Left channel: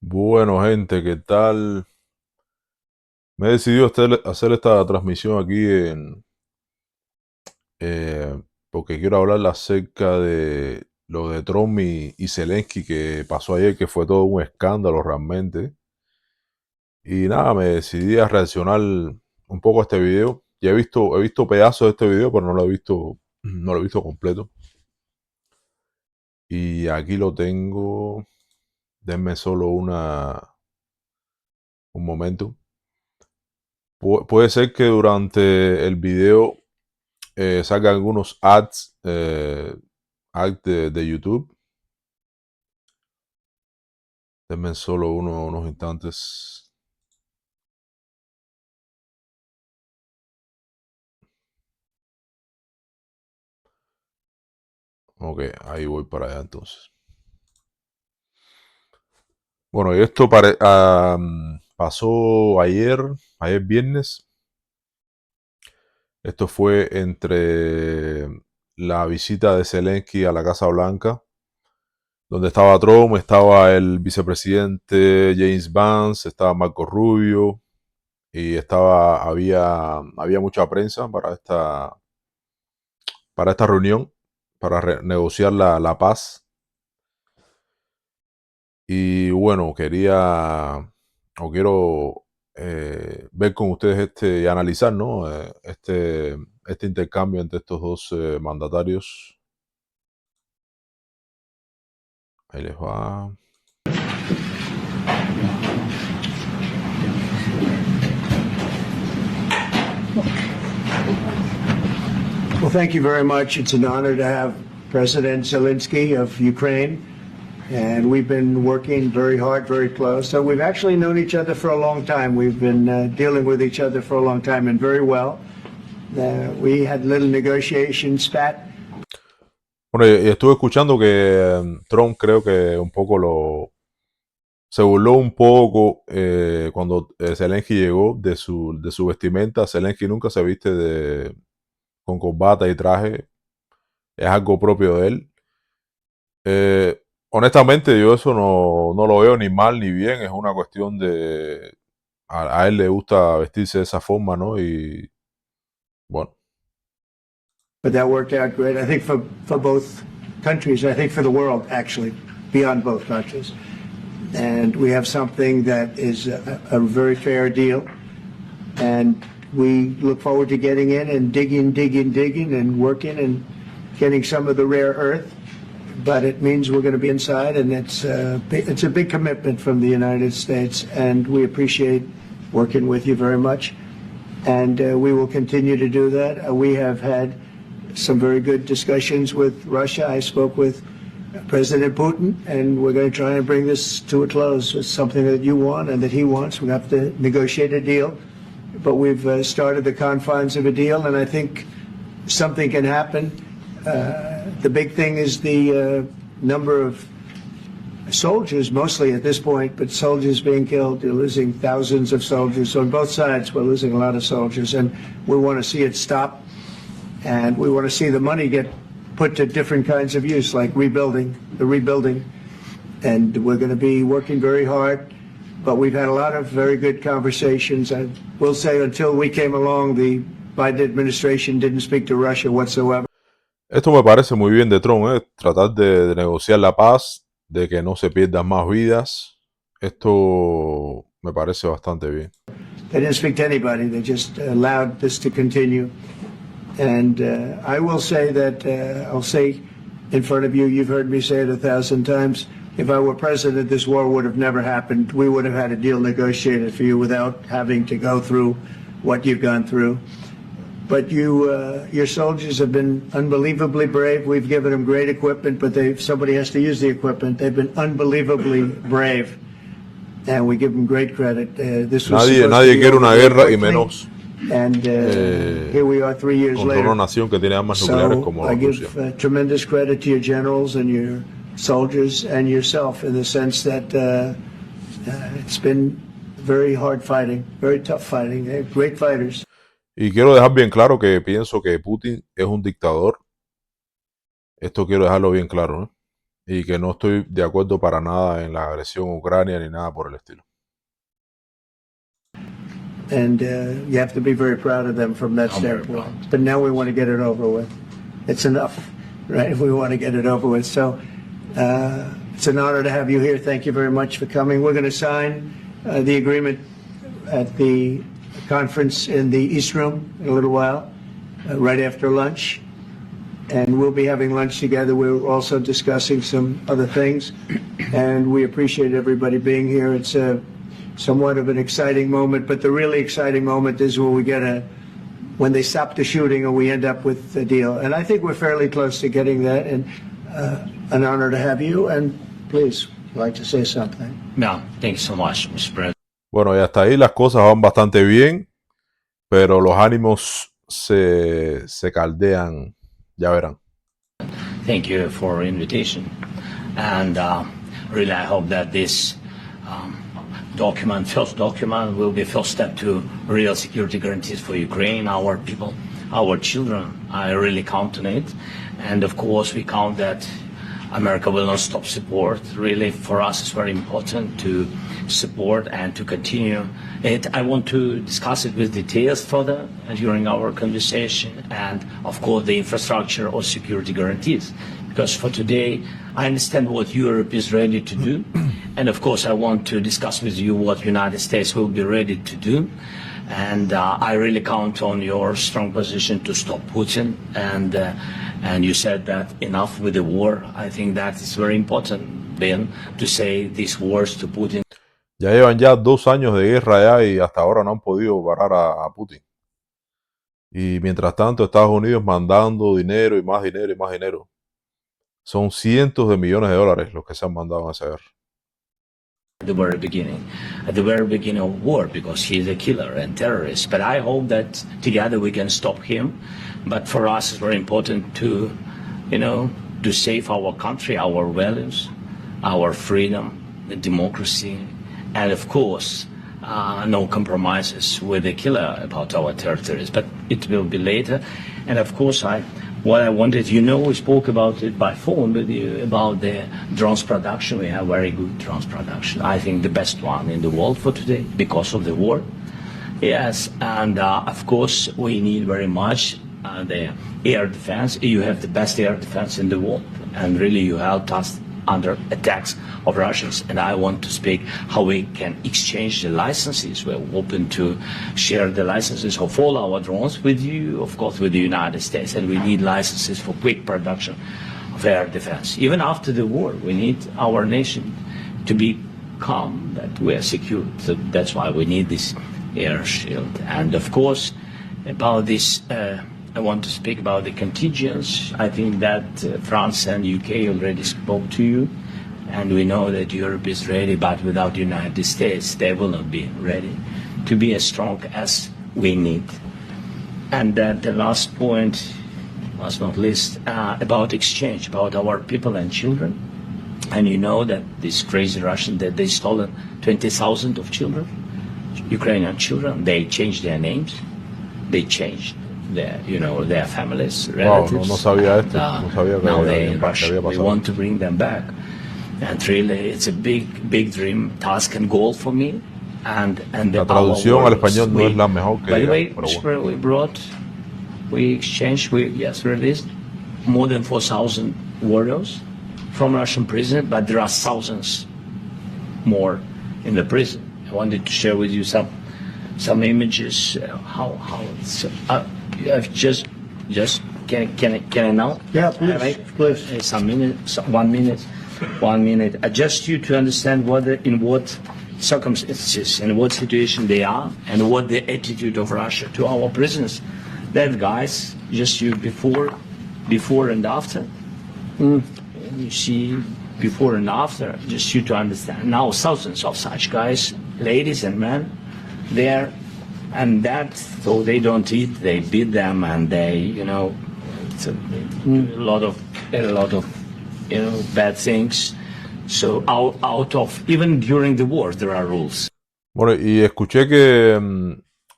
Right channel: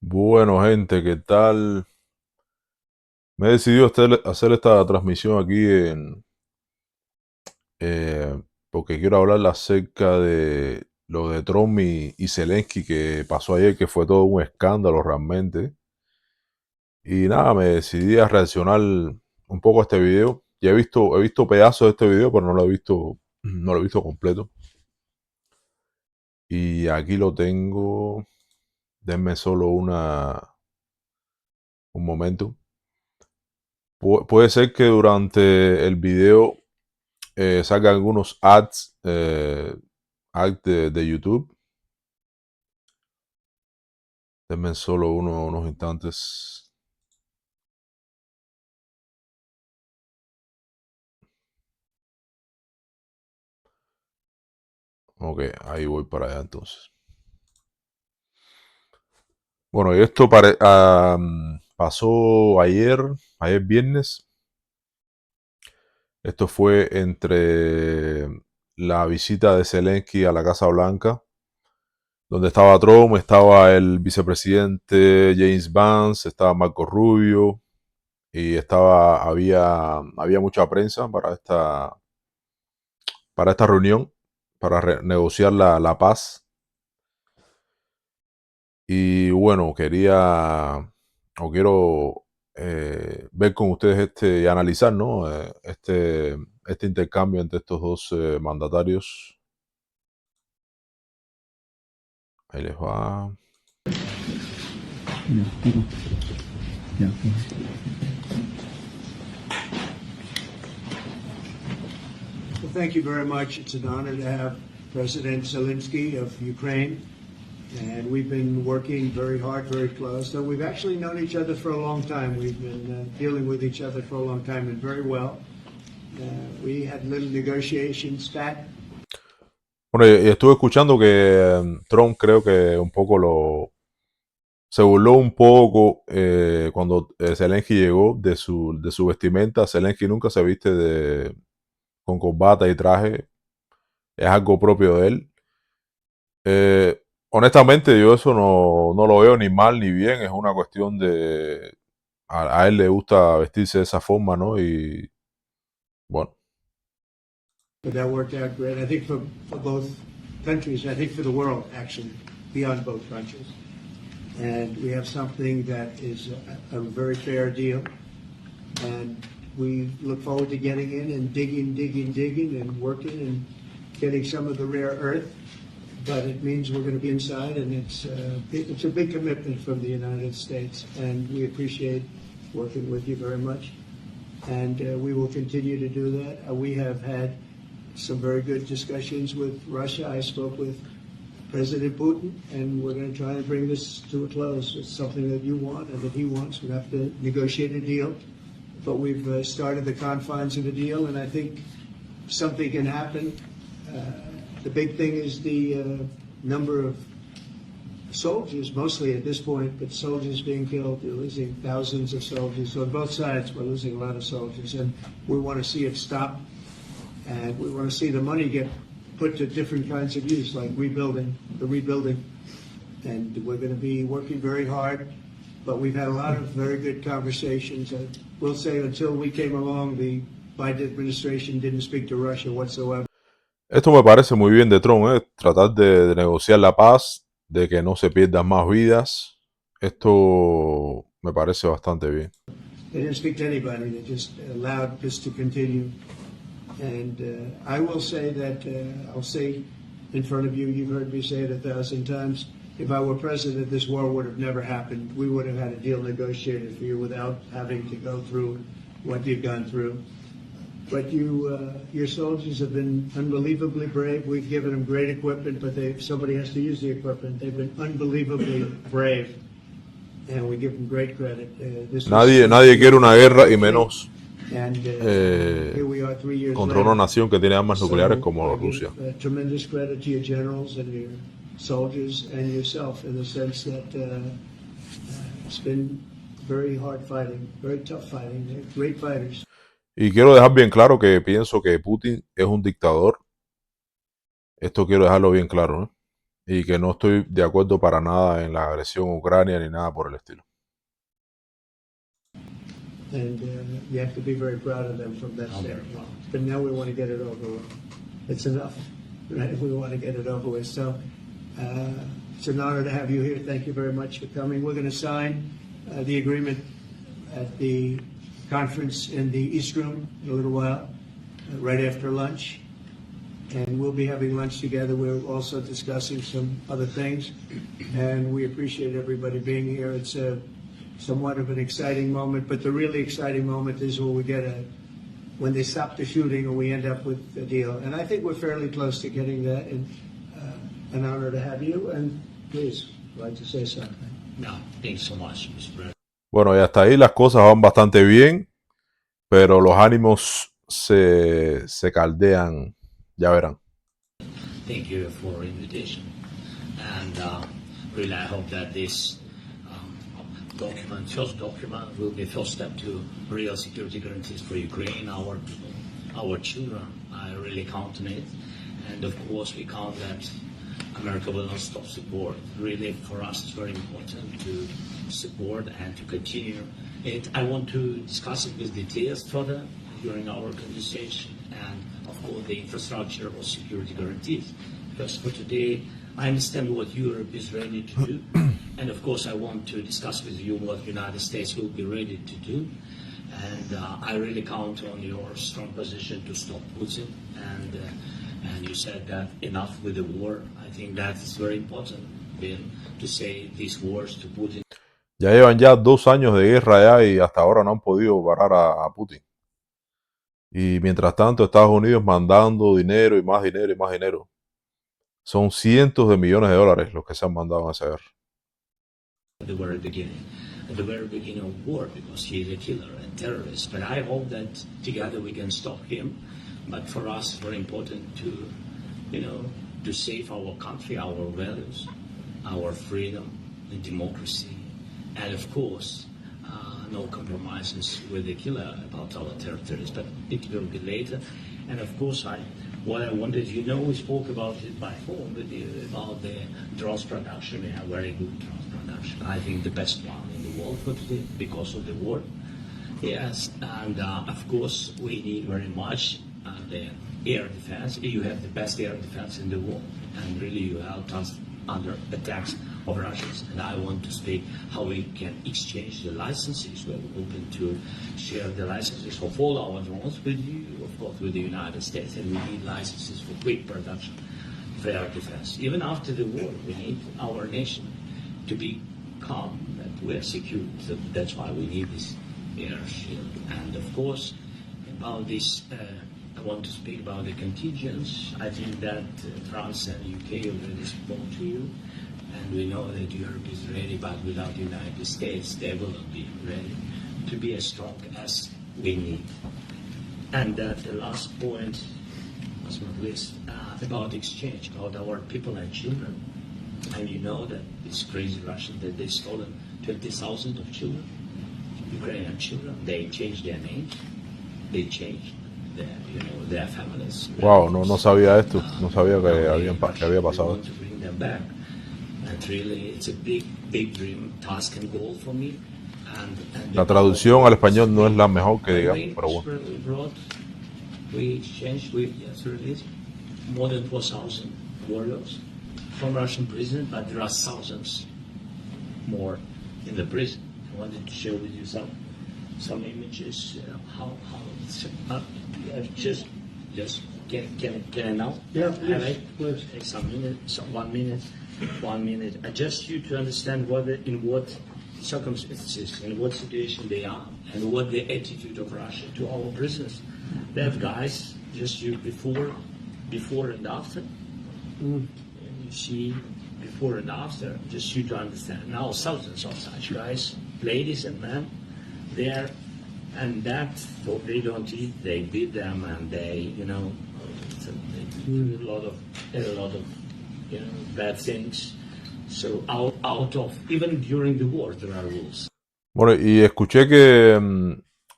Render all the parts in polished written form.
Bueno, gente, ¿qué tal? Me he decidido hacer esta transmisión aquí eh, porque quiero hablar acerca de lo de Trump y Zelensky que pasó ayer, que fue todo un escándalo realmente. Y nada, me decidí a reaccionar un poco a este video. Ya he visto pedazos de este video, pero no lo he visto completo. Y aquí lo tengo. Denme solo un momento. Puede ser que durante el video saca algunos ads de YouTube. Denme solo unos instantes. Ok, ahí voy para allá entonces. Bueno, y esto pasó ayer viernes. Esto fue entre la visita de Zelensky a la Casa Blanca, donde estaba Trump, estaba el vicepresidente James Vance, estaba Marco Rubio y había mucha prensa para esta reunión, para negociar la paz. Y bueno, quiero ver con ustedes y analizar, ¿no? Este intercambio entre estos dos mandatarios. Ahí les va. Well, thank you very much. It's an honor to have President Zelensky of Ukraine, and we've been working very hard, very close. So we've actually known each other for a long time. We've been dealing with each other for a long time and very well. We had little negotiation spat. Bueno, y estuve escuchando que Trump creo que se burló un poco cuando Zelensky llegó de su vestimenta. Zelensky nunca se viste con corbata y traje, es algo propio de él. Honestamente, yo eso no lo veo ni mal ni bien, es una cuestión a él le gusta vestirse de esa forma, ¿no? Y bueno, But that worked out great, I think, for both countries, I think for the world, actually, beyond both countries. And we have something that is a very fair deal. And we look forward to getting in and digging and working and getting some of the rare earth. But it means we're going to be inside, and it's a big commitment from the United States, and we appreciate working with you very much. And we will continue to do that. We have had some very good discussions with Russia. I spoke with President Putin, and we're going to try and bring this to a close. It's something that you want and that he wants. We have to negotiate a deal, but we've started the confines of a deal, and I think something can happen. The big thing is the number of soldiers, mostly at this point, but soldiers being killed. You're losing thousands of soldiers. So on both sides, we're losing a lot of soldiers, and we want to see it stop. And we want to see the money get put to different kinds of use, like rebuilding. And we're going to be working very hard. But we've had a lot of very good conversations. I will say until we came along, the Biden administration didn't speak to Russia whatsoever. esto me parece muy bien de Trump, tratar de negociar la paz, de que no se pierdan más vidas. Esto me parece bastante bien. They didn't speak to anybody. They just allowed this to continue. And I will say that, I'll say in front of you, you've heard me say it 1,000 times, if I were president, this war would have never happened. We would have had a deal negotiated for you without having to go through what you've gone through. But your soldiers have been unbelievably brave. We've given them great equipment, but somebody has to use the equipment. They've been unbelievably brave, and we give them great credit. This was Nadie quiere una guerra y menos and here we are 3 years contra later. una nación que tiene armas nucleares So como I Rusia. give tremendous credit to your generals and your soldiers and yourself in the sense that it's been very hard fighting, very tough fighting. They're great fighters. Y quiero dejar bien claro que pienso que Putin es un dictador. Esto quiero dejarlo bien claro, ¿no? y que no estoy de acuerdo para nada en la agresión a Ucrania ni nada por el estilo. And you have to be very proud of them from that standpoint. But now we want to get it over with. It's enough, right? We want to get it over with. So it's an honor to have you here. Thank you very much for coming. We're going to sign the agreement at the conference in the East Room in a little while, right after lunch. And we'll be having lunch together. We're also discussing some other things. And we appreciate everybody being here. It's somewhat of an exciting moment, but the really exciting moment is when they stop the shooting and we end up with a deal. And I think we're fairly close to getting that, and an honor to have you. And please, I'd like to say something. No, thank you so much, Mr. President. Bueno, y hasta ahí las cosas van bastante bien, pero los ánimos se caldean, ya verán. Thank you for your invitation. And really, I hope that this first document, will be first step to real security guarantees for Ukraine, our people, our children. I really count on it. And of course, we count that America will not stop support. Really, for us, it's very important to support and to continue it. I want to discuss it with details further during our conversation, and of course the infrastructure or security guarantees, because for today I understand what Europe is ready to do, and of course I want to discuss with you what United States will be ready to do, and I really count on your strong position to stop Putin, and you said that enough with the war. I think that is very important, Ben, to say these words to Putin. Ya llevan ya 2 años de guerra ya y hasta ahora no han podido parar a Putin. Y mientras tanto Estados Unidos mandando dinero y más dinero y más dinero. Son cientos de millones de dólares los que se han mandado en esa guerra. At the very beginning of war, because he's a killer and terrorist. But I hope that together we can stop him. But for us, it's very important to, to save our country, our values, our freedom, the democracy, and of course, no compromises with the killer about our territories. But it will be later. And of course, what I wanted, we spoke about it by phone with you about the drones production. We have very good drones production. I think the best one in the world for today because of the war. Yes, and of course, we need very much the air defense. You have the best air defense in the world, and really you helped us under attacks of Russians. And I want to speak how we can exchange the licenses. We're open to share the licenses of all our drones with you, of course, with the United States. And we need licenses for quick production of air defense. Even after the war, we need our nation to be calm, that we are secure. So that's why we need this air shield. And of course, about this, I want to speak about the contingents. I think that France and UK already spoke to you, and we know that Europe is ready, but without the United States, they will not be ready to be as strong as we need. And then the last point, last not least, about exchange, about our people and children. And you know that this crazy Russian, that they stolen 20,000 of children, Ukrainian children. They changed their names, they changed their families, Wow, relatives. no sabía esto, no sabía que Now había we pasado. want to bring them back, and really, it's a big dream, task, and goal for me. And La traducción al español no es la mejor que digamos, pero bueno. We exchanged, released more than 4,000 warriors from Russian prison, but there are thousands more in the prison. I wanted to share with you some images. How it's. I've just can I now? Yeah, please. Some minutes, 1 minute, 1 minute. Just you to understand in what circumstances, in what situation they are, and what the attitude of Russia to our prisoners. That guys, just you before and after. You see before and after, just you to understand. Now thousands of such guys, ladies and men, there. And that, though they don't eat, they beat them, and they, it's a lot of bad things. So out of, even during the war, there are rules. Bueno, y escuché que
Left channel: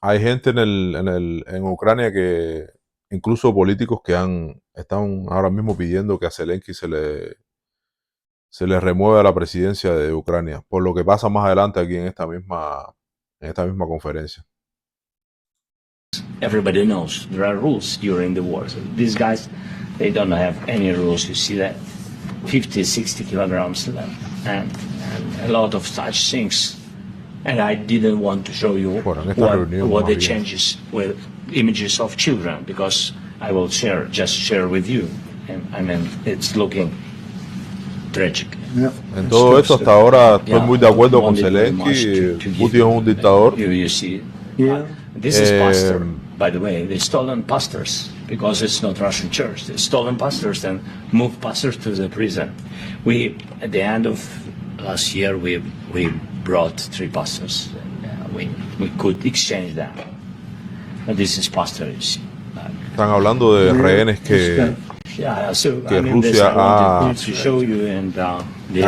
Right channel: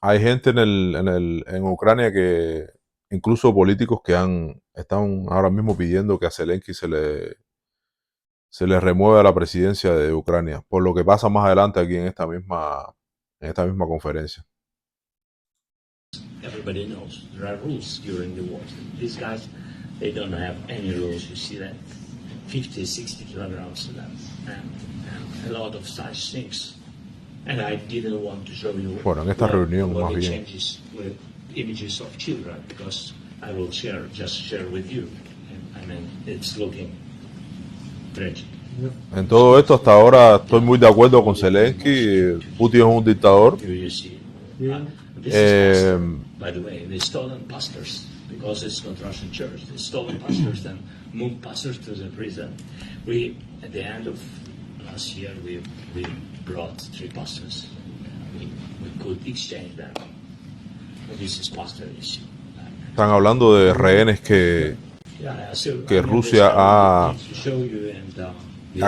hay gente en Ucrania que, incluso políticos que están ahora mismo pidiendo que a Zelensky se le remueve a la presidencia de Ucrania, por lo que pasa más adelante aquí en esta misma conferencia. Everybody knows there are rules during the war. So these guys, they don't have any rules. You see that 50, 60 kilograms and a lot of such things. And I didn't want to show you Bueno, en esta reunión, what más the bien, changes with images of children, because I will share with you. And I mean, it's looking tragic. en todo esto hasta ahora estoy muy de acuerdo con Zelensky. Putin es un dictador. You see, Yeah. this is pastor, by the way. They stolen pastors because it's not Russian church. They stolen pastors and moved pastors to the prison. We, at the end of last year, we brought 3 pastors. We could exchange them. And this is pastor, you see. Están hablando de rehenes que Rusia ha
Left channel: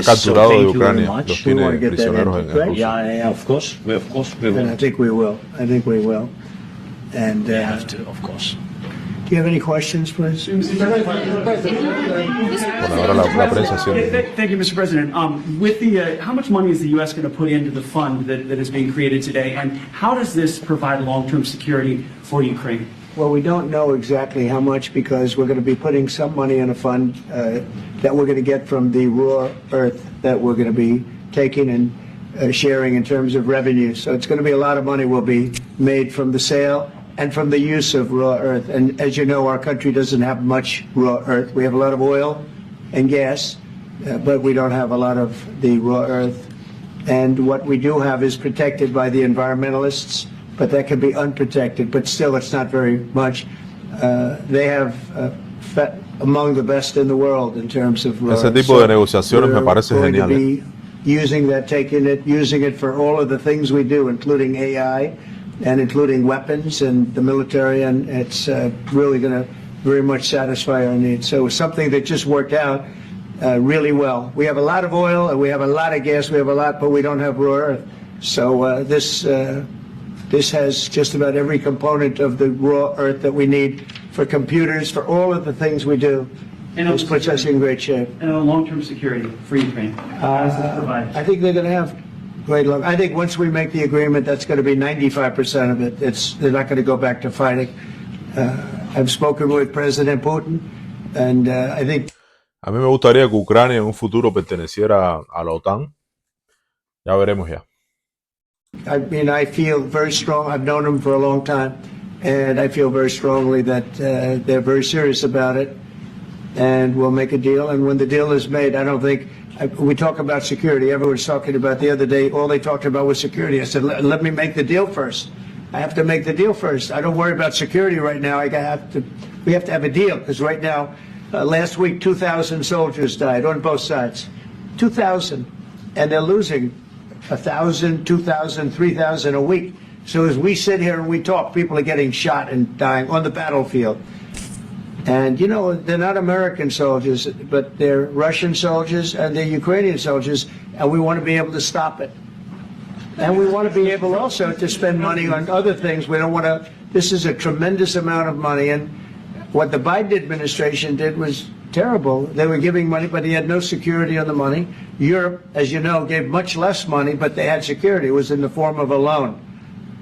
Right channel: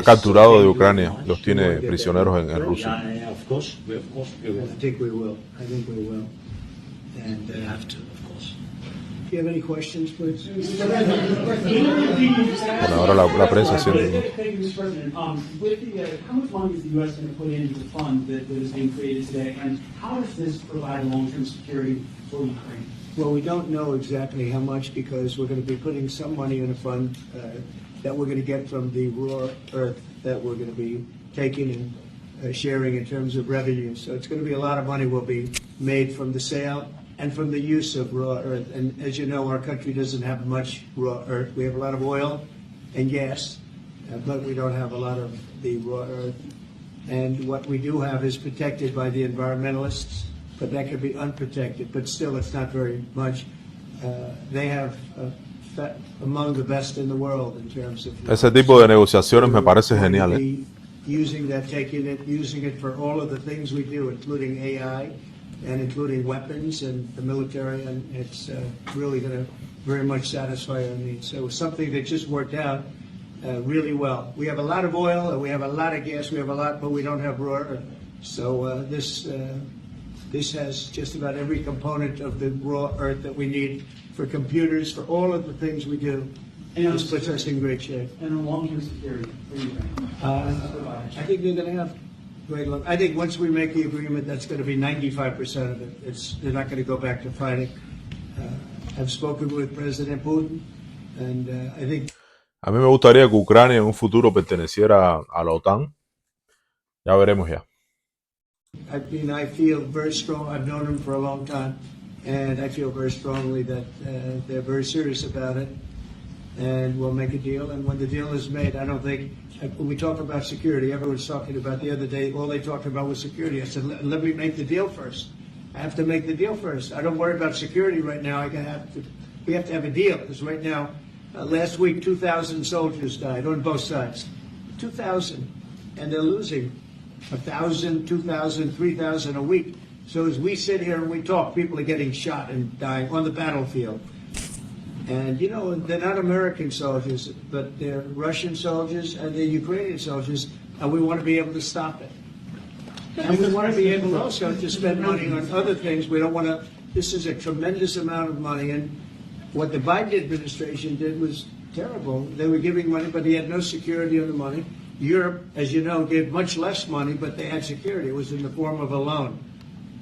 capturado de Ucrania, los tiene prisioneros en Rusia. Yeah, of course we will. And I think we will. And We have to, of course. do you have any questions, please? Bueno, ahora la prensa haciendo... Thank you, Mr. President. With the, how much money is the U.S. going to put into the fund that is being created today, and how does this provide long-term security for Ukraine? Well, we don't know exactly how much because we're going to be putting some money in a fund that we're going to get from the raw earth that we're going to be taking and sharing in terms of revenue. So it's going to be a lot of money will be made from the sale and from the use of raw earth. And as you know, our country doesn't have much raw earth. We have a lot of oil and gas, but we don't have a lot of the raw earth. And what we do have is protected by the environmentalists, but that can be unprotected, but still it's not very much. They have among the best in the world in terms of raw. Ese tipo de negociaciones me parece We're going to genial. be using that, using it for all of the things we do, including AI and including weapons and the military, and it's really going to very much satisfy our needs. So it's something that just worked out really well. We have a lot of oil and we have a lot of gas, we have a lot, but we don't have raw earth. So this has just about every component of the raw earth that we need for computers, for all of the things we do. This puts us in great shape. And long-term security for Ukraine. How does this provide? I think they're going to have great luck. I think once we make the agreement, that's going to be 95% of it. They're not going to go back to fighting. I've spoken with President Putin, and I think... A mí me gustaría que Ucrania en un futuro perteneciera a la OTAN. Ya veremos ya. I mean, I feel very strong. I've known them for a long time, and I feel very strongly that they're very serious about it, and we'll make a deal. And when the deal is made, I don't think we talk about security. Everyone's talking about the other day. All they talked about was security. I said, let me make the deal first. I have to make the deal first. I don't worry about security right now. We have to have a deal because right now, last week, 2,000 soldiers died on both sides. 2,000, and they're losing 1,000, 2,000, 3,000 a week. So as we sit here and we talk, people are getting shot and dying on the battlefield. And, you know, they're not American soldiers, but they're Russian soldiers and they're Ukrainian soldiers, and we want to be able to stop it. And we want to be able also to spend money on other things. We don't want to, this is a tremendous amount of money, and what the Biden administration did was terrible. They were giving money, but they had no security on the money. Europe, as you know, gave much less money, but they had security. It was in the form of a loan.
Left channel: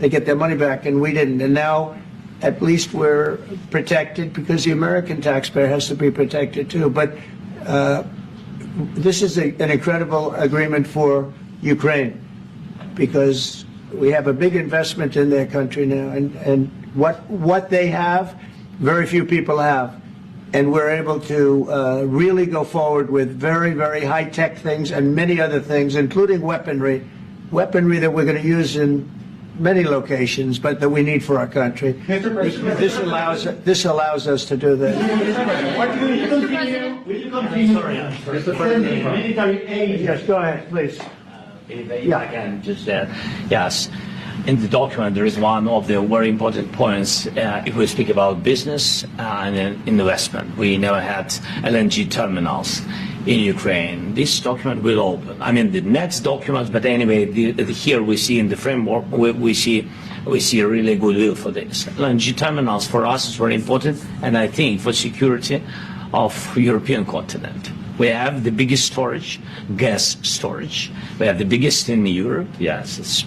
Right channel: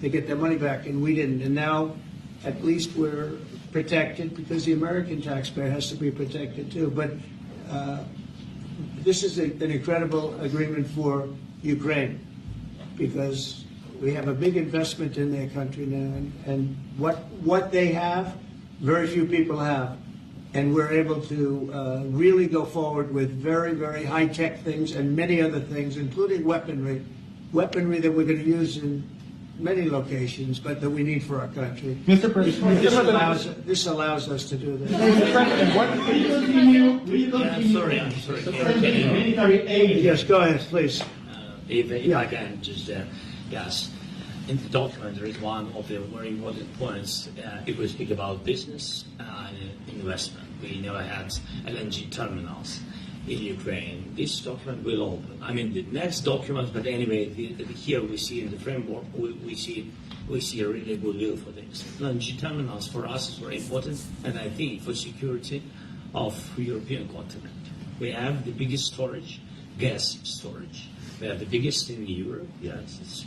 They get their money back, and we didn't. And now, at least we're protected because the American taxpayer has to be protected too. But this is an incredible agreement for Ukraine because we have a big investment in their country now, and what they have, very few people have. And we're able to really go forward with very, very high-tech things and many other things, including weaponry that we're going to use in many locations, but that we need for our country. Mr. President, This allows us to do that. Yes, go ahead, please. If I can just yes. In the document, there is one of the very important points if we speak about business and investment. We never had LNG terminals in Ukraine. This document will open. I mean, the next document, but anyway, here we see in the framework, we see a really good will for this. LNG terminals for us is very important, and I think for security of European continent. We have the biggest storage, gas storage. We have the biggest in Europe. Yes,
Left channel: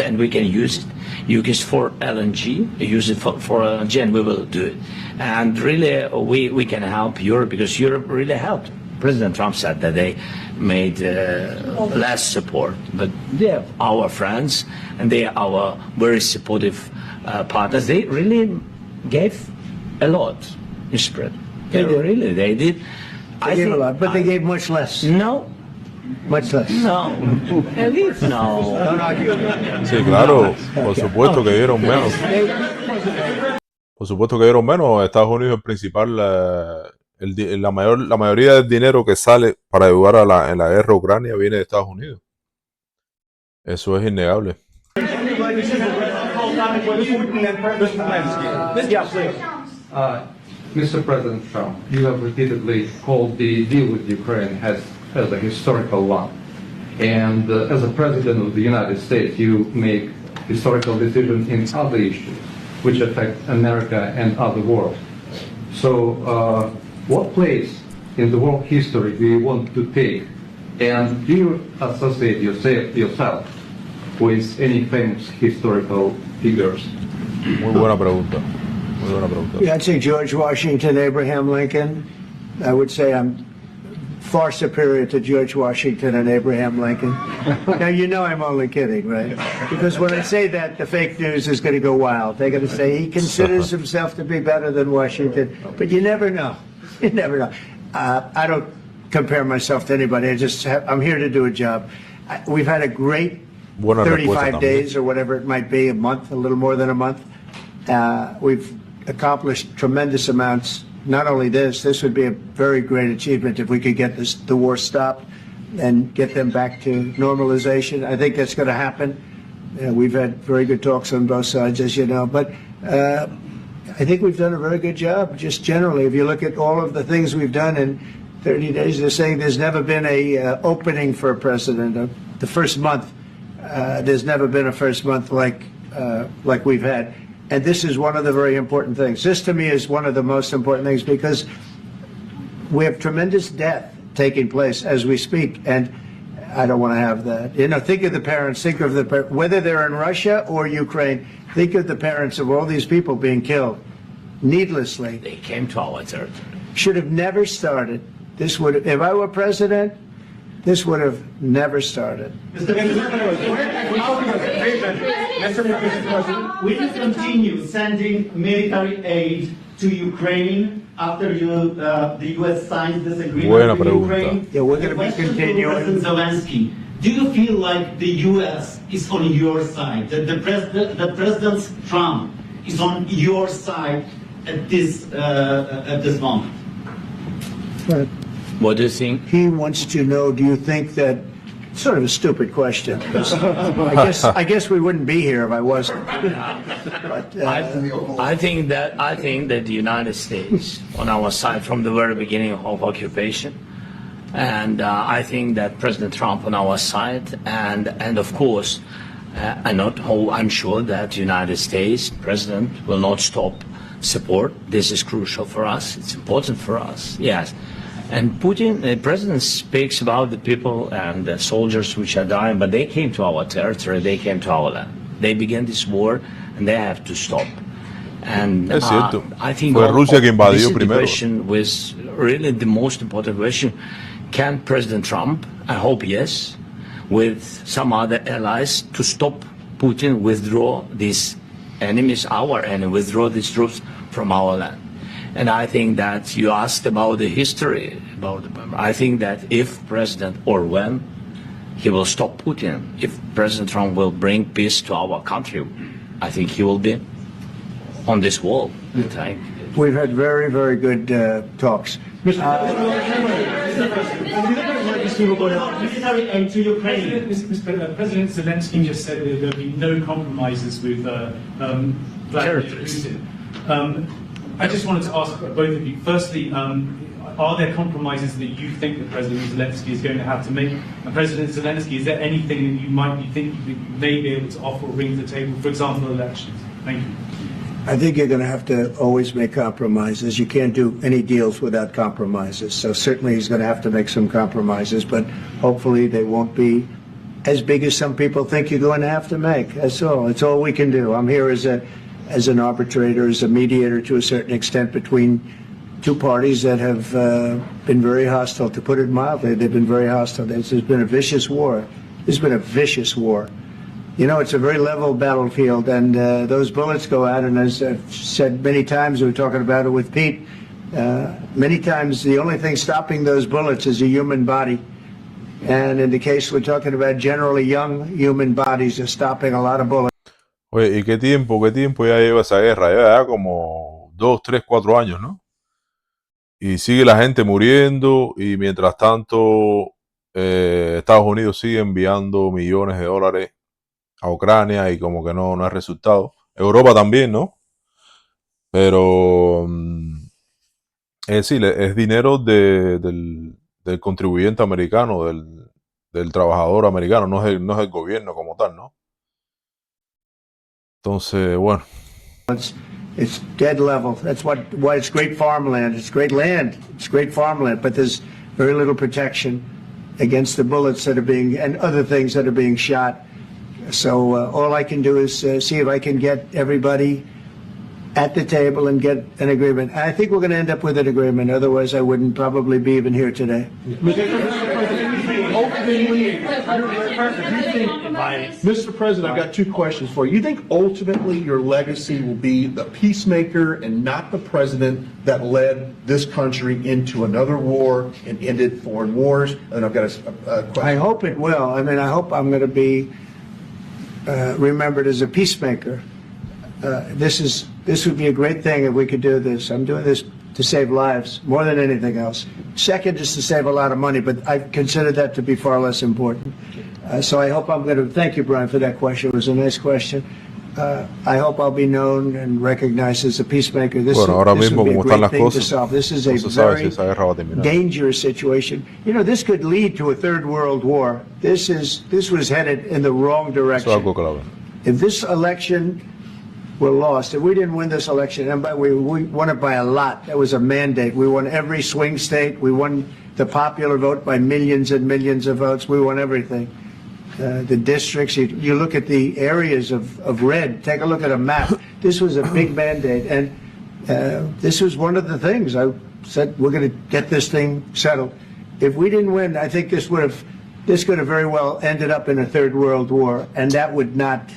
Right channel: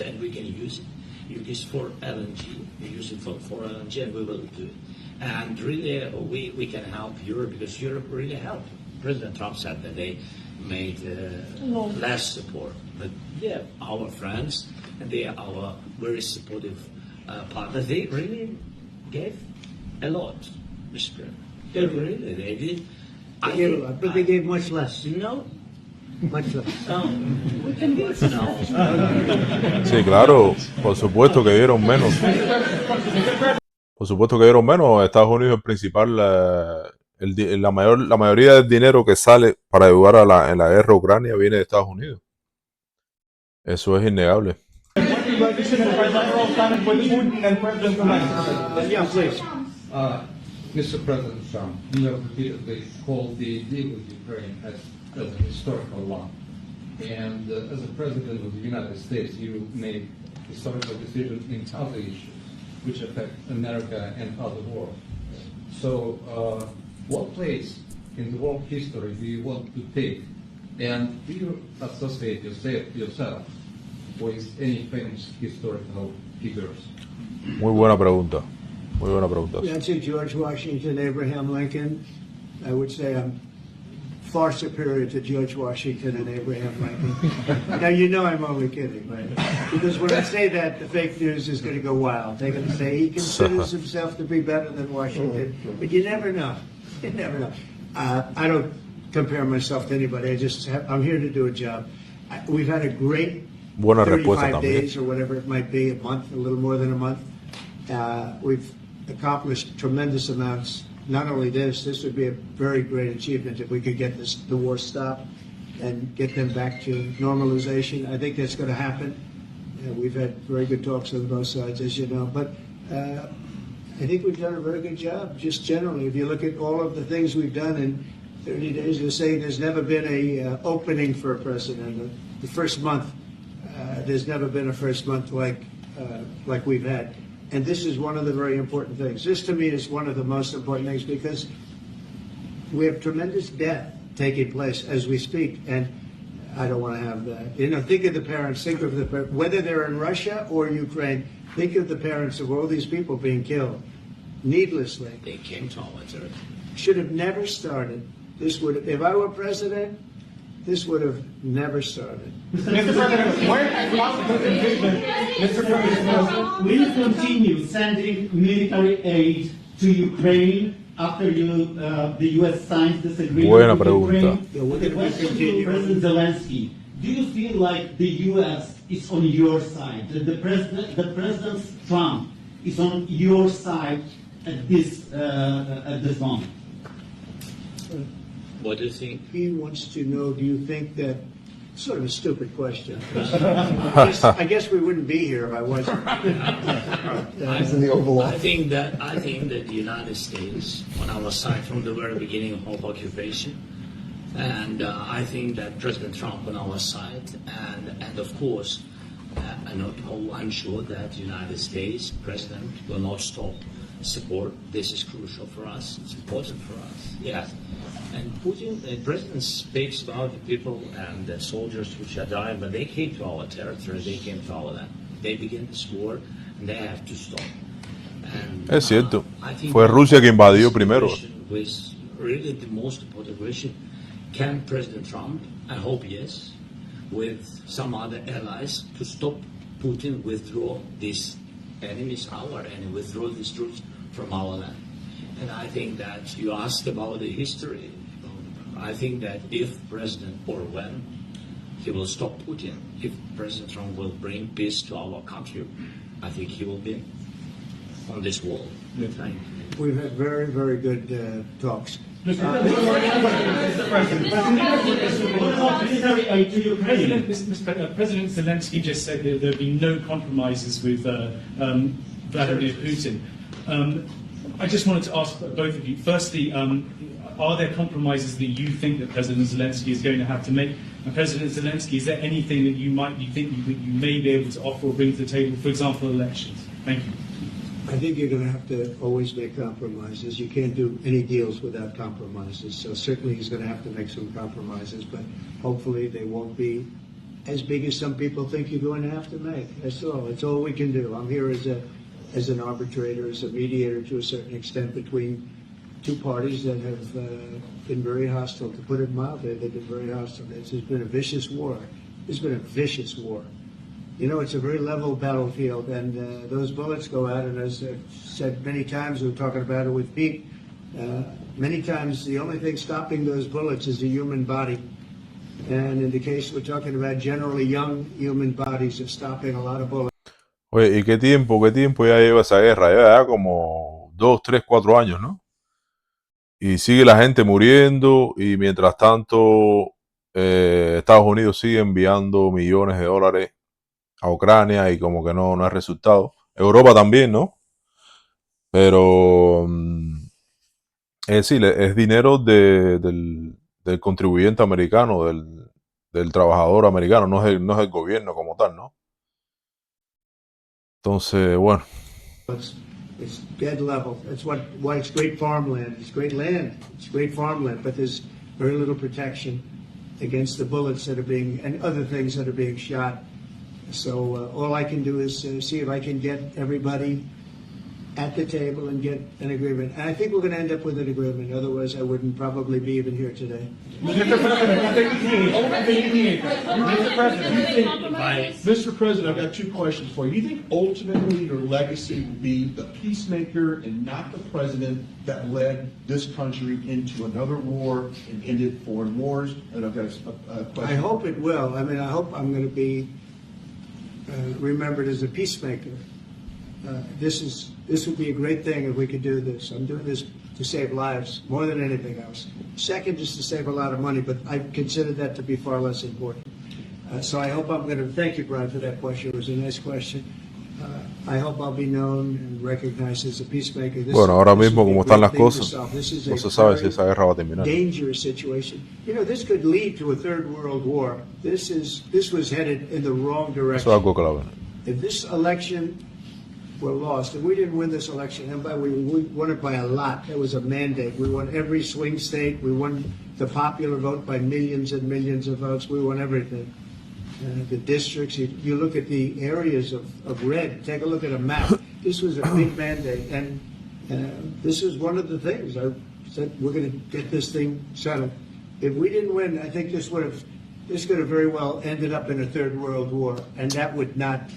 and we can use it. Use it for LNG. Use it for LNG, and we will do it. And really, we can help Europe because Europe really helped. President Trump said that they made less support, but they are our friends and they are our very supportive partners. They really gave a lot, Mr. President. They did. They gave a lot, but they gave much less. No. Much less. No. At least no. Sí, claro, por supuesto que dieron menos. Por supuesto que dieron menos. Estados Unidos es el principal, la mayoría del dinero que sale para ayudar en la guerra a Ucrania viene de Estados Unidos. Eso es innegable. Mr. President Trump, you have repeatedly called the deal with Ukraine as a historical one. And as a President of the United States, you make historical decisions in other issues which affect America and other world. So what place in the world history do you want to take? And do you associate yourself with any famous historical figures? Muy buena pregunta. Muy buena pregunta. Yeah, I'd say George Washington, Abraham Lincoln. I would say I'm far superior to George Washington and Abraham Lincoln. Now, you know I'm only kidding, right? Because when I say that, the fake news is going to go wild. They're going to say he considers himself to be better than Washington. But you never know. You never know. I don't compare myself to anybody. I'm here to do a job. We've had a great Buena respuesta 35 también. days or whatever it might be, a month, a little more than a month. We've accomplished tremendous amounts. Not only this would be a very great achievement if we could get the war stopped and get them back to normalization. I think that's going to happen. We've had very good talks on both sides, as you know. But I think we've done a very good job, just generally. If you look at all of the things we've done in 30 days, they're saying there's never been a opening for a president. The first month, there's never been a first month like we've had. And this is one of the very important things. This, to me, is one of the most important things because we have tremendous death taking place as we speak, and I don't want to have that. You know, think of the parents, whether they're in Russia or Ukraine, think of the parents of all these people being killed needlessly. They came to our territory. Should have never started. If I were president, this would have never started. Mr. President, will you continue sending military aid to Ukraine after the U.S. signs this agreement Buena with pregunta. Ukraine? Yeah, we're going to be continuing. President Zelensky, do you feel like the U.S. is on your side, that the President Trump is on your side at this moment? But What do you think? he wants to know, do you think that, sort of a stupid question. I guess we wouldn't be here if I wasn't. But, I think that the United States on our side from the very beginning of occupation, and I think that President Trump on our side, and of course, I'm sure that the United States President will not stop support. This is crucial for us. It's important for us. Yes. And Putin, the president speaks about the people and the soldiers which are dying, but they came to our territory, they came to our land. They began this war, and they have to stop. And Es cierto. I think Fue Rusia que invadió this primero. question was really the most important question. Can President Trump, I hope yes, with some other allies, to stop Putin, withdraw these enemies, our enemy, withdraw these troops from our land? And I think that you asked about the history. I think that if President, or when, he will stop Putin, if President Trump will bring peace to our country, I think he will be on this wall. we've had very, very good talks. Military aid to Ukraine. President Zelensky just said that there will be no compromises with Vladimir Putin. I just wanted to ask both of you, firstly, are there compromises that you think that President Zelensky is going to have to make? And President Zelensky, is there anything that you might be thinking that you may be able to offer or bring to the table, for example, elections? Thank you. I think you're going to have to always make compromises. You can't do any deals without compromises. So certainly he's going to have to make some compromises, but hopefully they won't be as big as some people think you're going to have to make. That's all. It's all we can do. I'm here as an arbitrator, as a mediator to a certain extent between two parties that have been very hostile. To put it mildly, they've been very hostile. There's been a vicious war. There's been a vicious war. You know, it's a very level battlefield, and those bullets go out, and as I've said many times, we were talking about it with Pete, many times the only thing stopping those bullets is a human body. And in the case we're talking about, generally young human bodies are stopping a lot of bullets. Oye, ¿y qué tiempo ya lleva esa guerra? Lleva ya como 2, 3, 4 años, ¿no? Y sigue la gente muriendo y mientras tanto Estados Unidos sigue enviando millones de dólares a Ucrania y como que no hay resultado. Europa también, ¿no? Pero es decir, es dinero del contribuyente americano, del trabajador americano, no es el gobierno como tal, ¿no? Entonces, bueno. It's dead level. That's why it's great farmland. It's great land. It's great farmland, but there's very little protection against the bullets that are being, and other things that are being shot. So all I can do is see if I can get everybody at the table and get an agreement. I think we're going to end up with an agreement. Otherwise, I wouldn't probably be even here today. Mr. President, I've got two questions for you. You think ultimately your legacy will be the peacemaker and not the president that led this country into another war and ended foreign wars? And I've got a question. I hope it will. I mean, I hope I'm going to be remembered as a peacemaker. This would be a great thing if we could do this. I'm doing this to save lives more than anything else. Second is to save a lot of money, but I consider that to be far less important. So I hope I'm going to thank you, Brian, for that question. It was a nice question. I hope I'll be known and recognized as a peacemaker. Bueno, ahora mismo como están las cosas, this is no se sabe si esa guerra va a terminar. Dangerous situation. You know, this could lead to a third world war. This was headed in the wrong direction. Eso es algo clave. If this election were lost, if we didn't win this election, and we won it by a lot, that was a mandate. We won every swing state. We won the popular vote by millions and millions of votes. We won everything. The districts, you look at the areas of red, take a look at a map. This was a big mandate, and this was one of the things I said, we're going to get this thing settled. If we didn't win, I think this could have very well ended up in a third world war, and that would not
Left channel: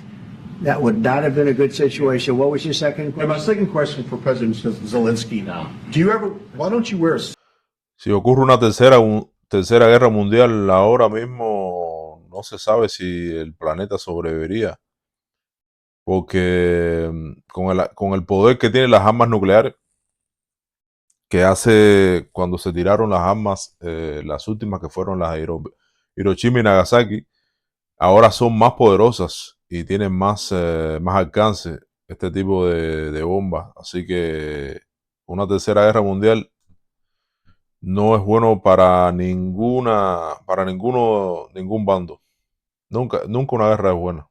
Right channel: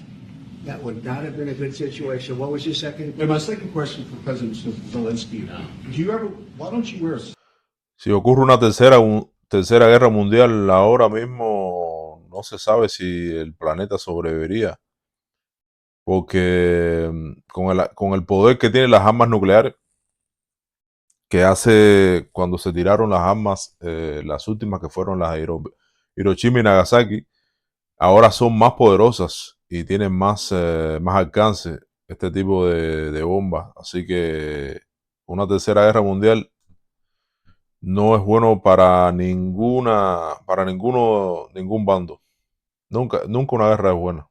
have been a good situation. What was your second question? And my second question for President Zelensky now. Why don't you wear a suit? Si ocurre una tercera guerra mundial ahora mismo, no se sabe si el planeta sobreviviría. Porque con el poder que tienen las armas nucleares, que hace cuando se tiraron las armas, las últimas que fueron las de Hiroshima y Nagasaki, ahora son más poderosas y tienen más alcance este tipo de bombas. Así que una tercera guerra mundial no es bueno para ningún bando. Nunca una guerra es buena.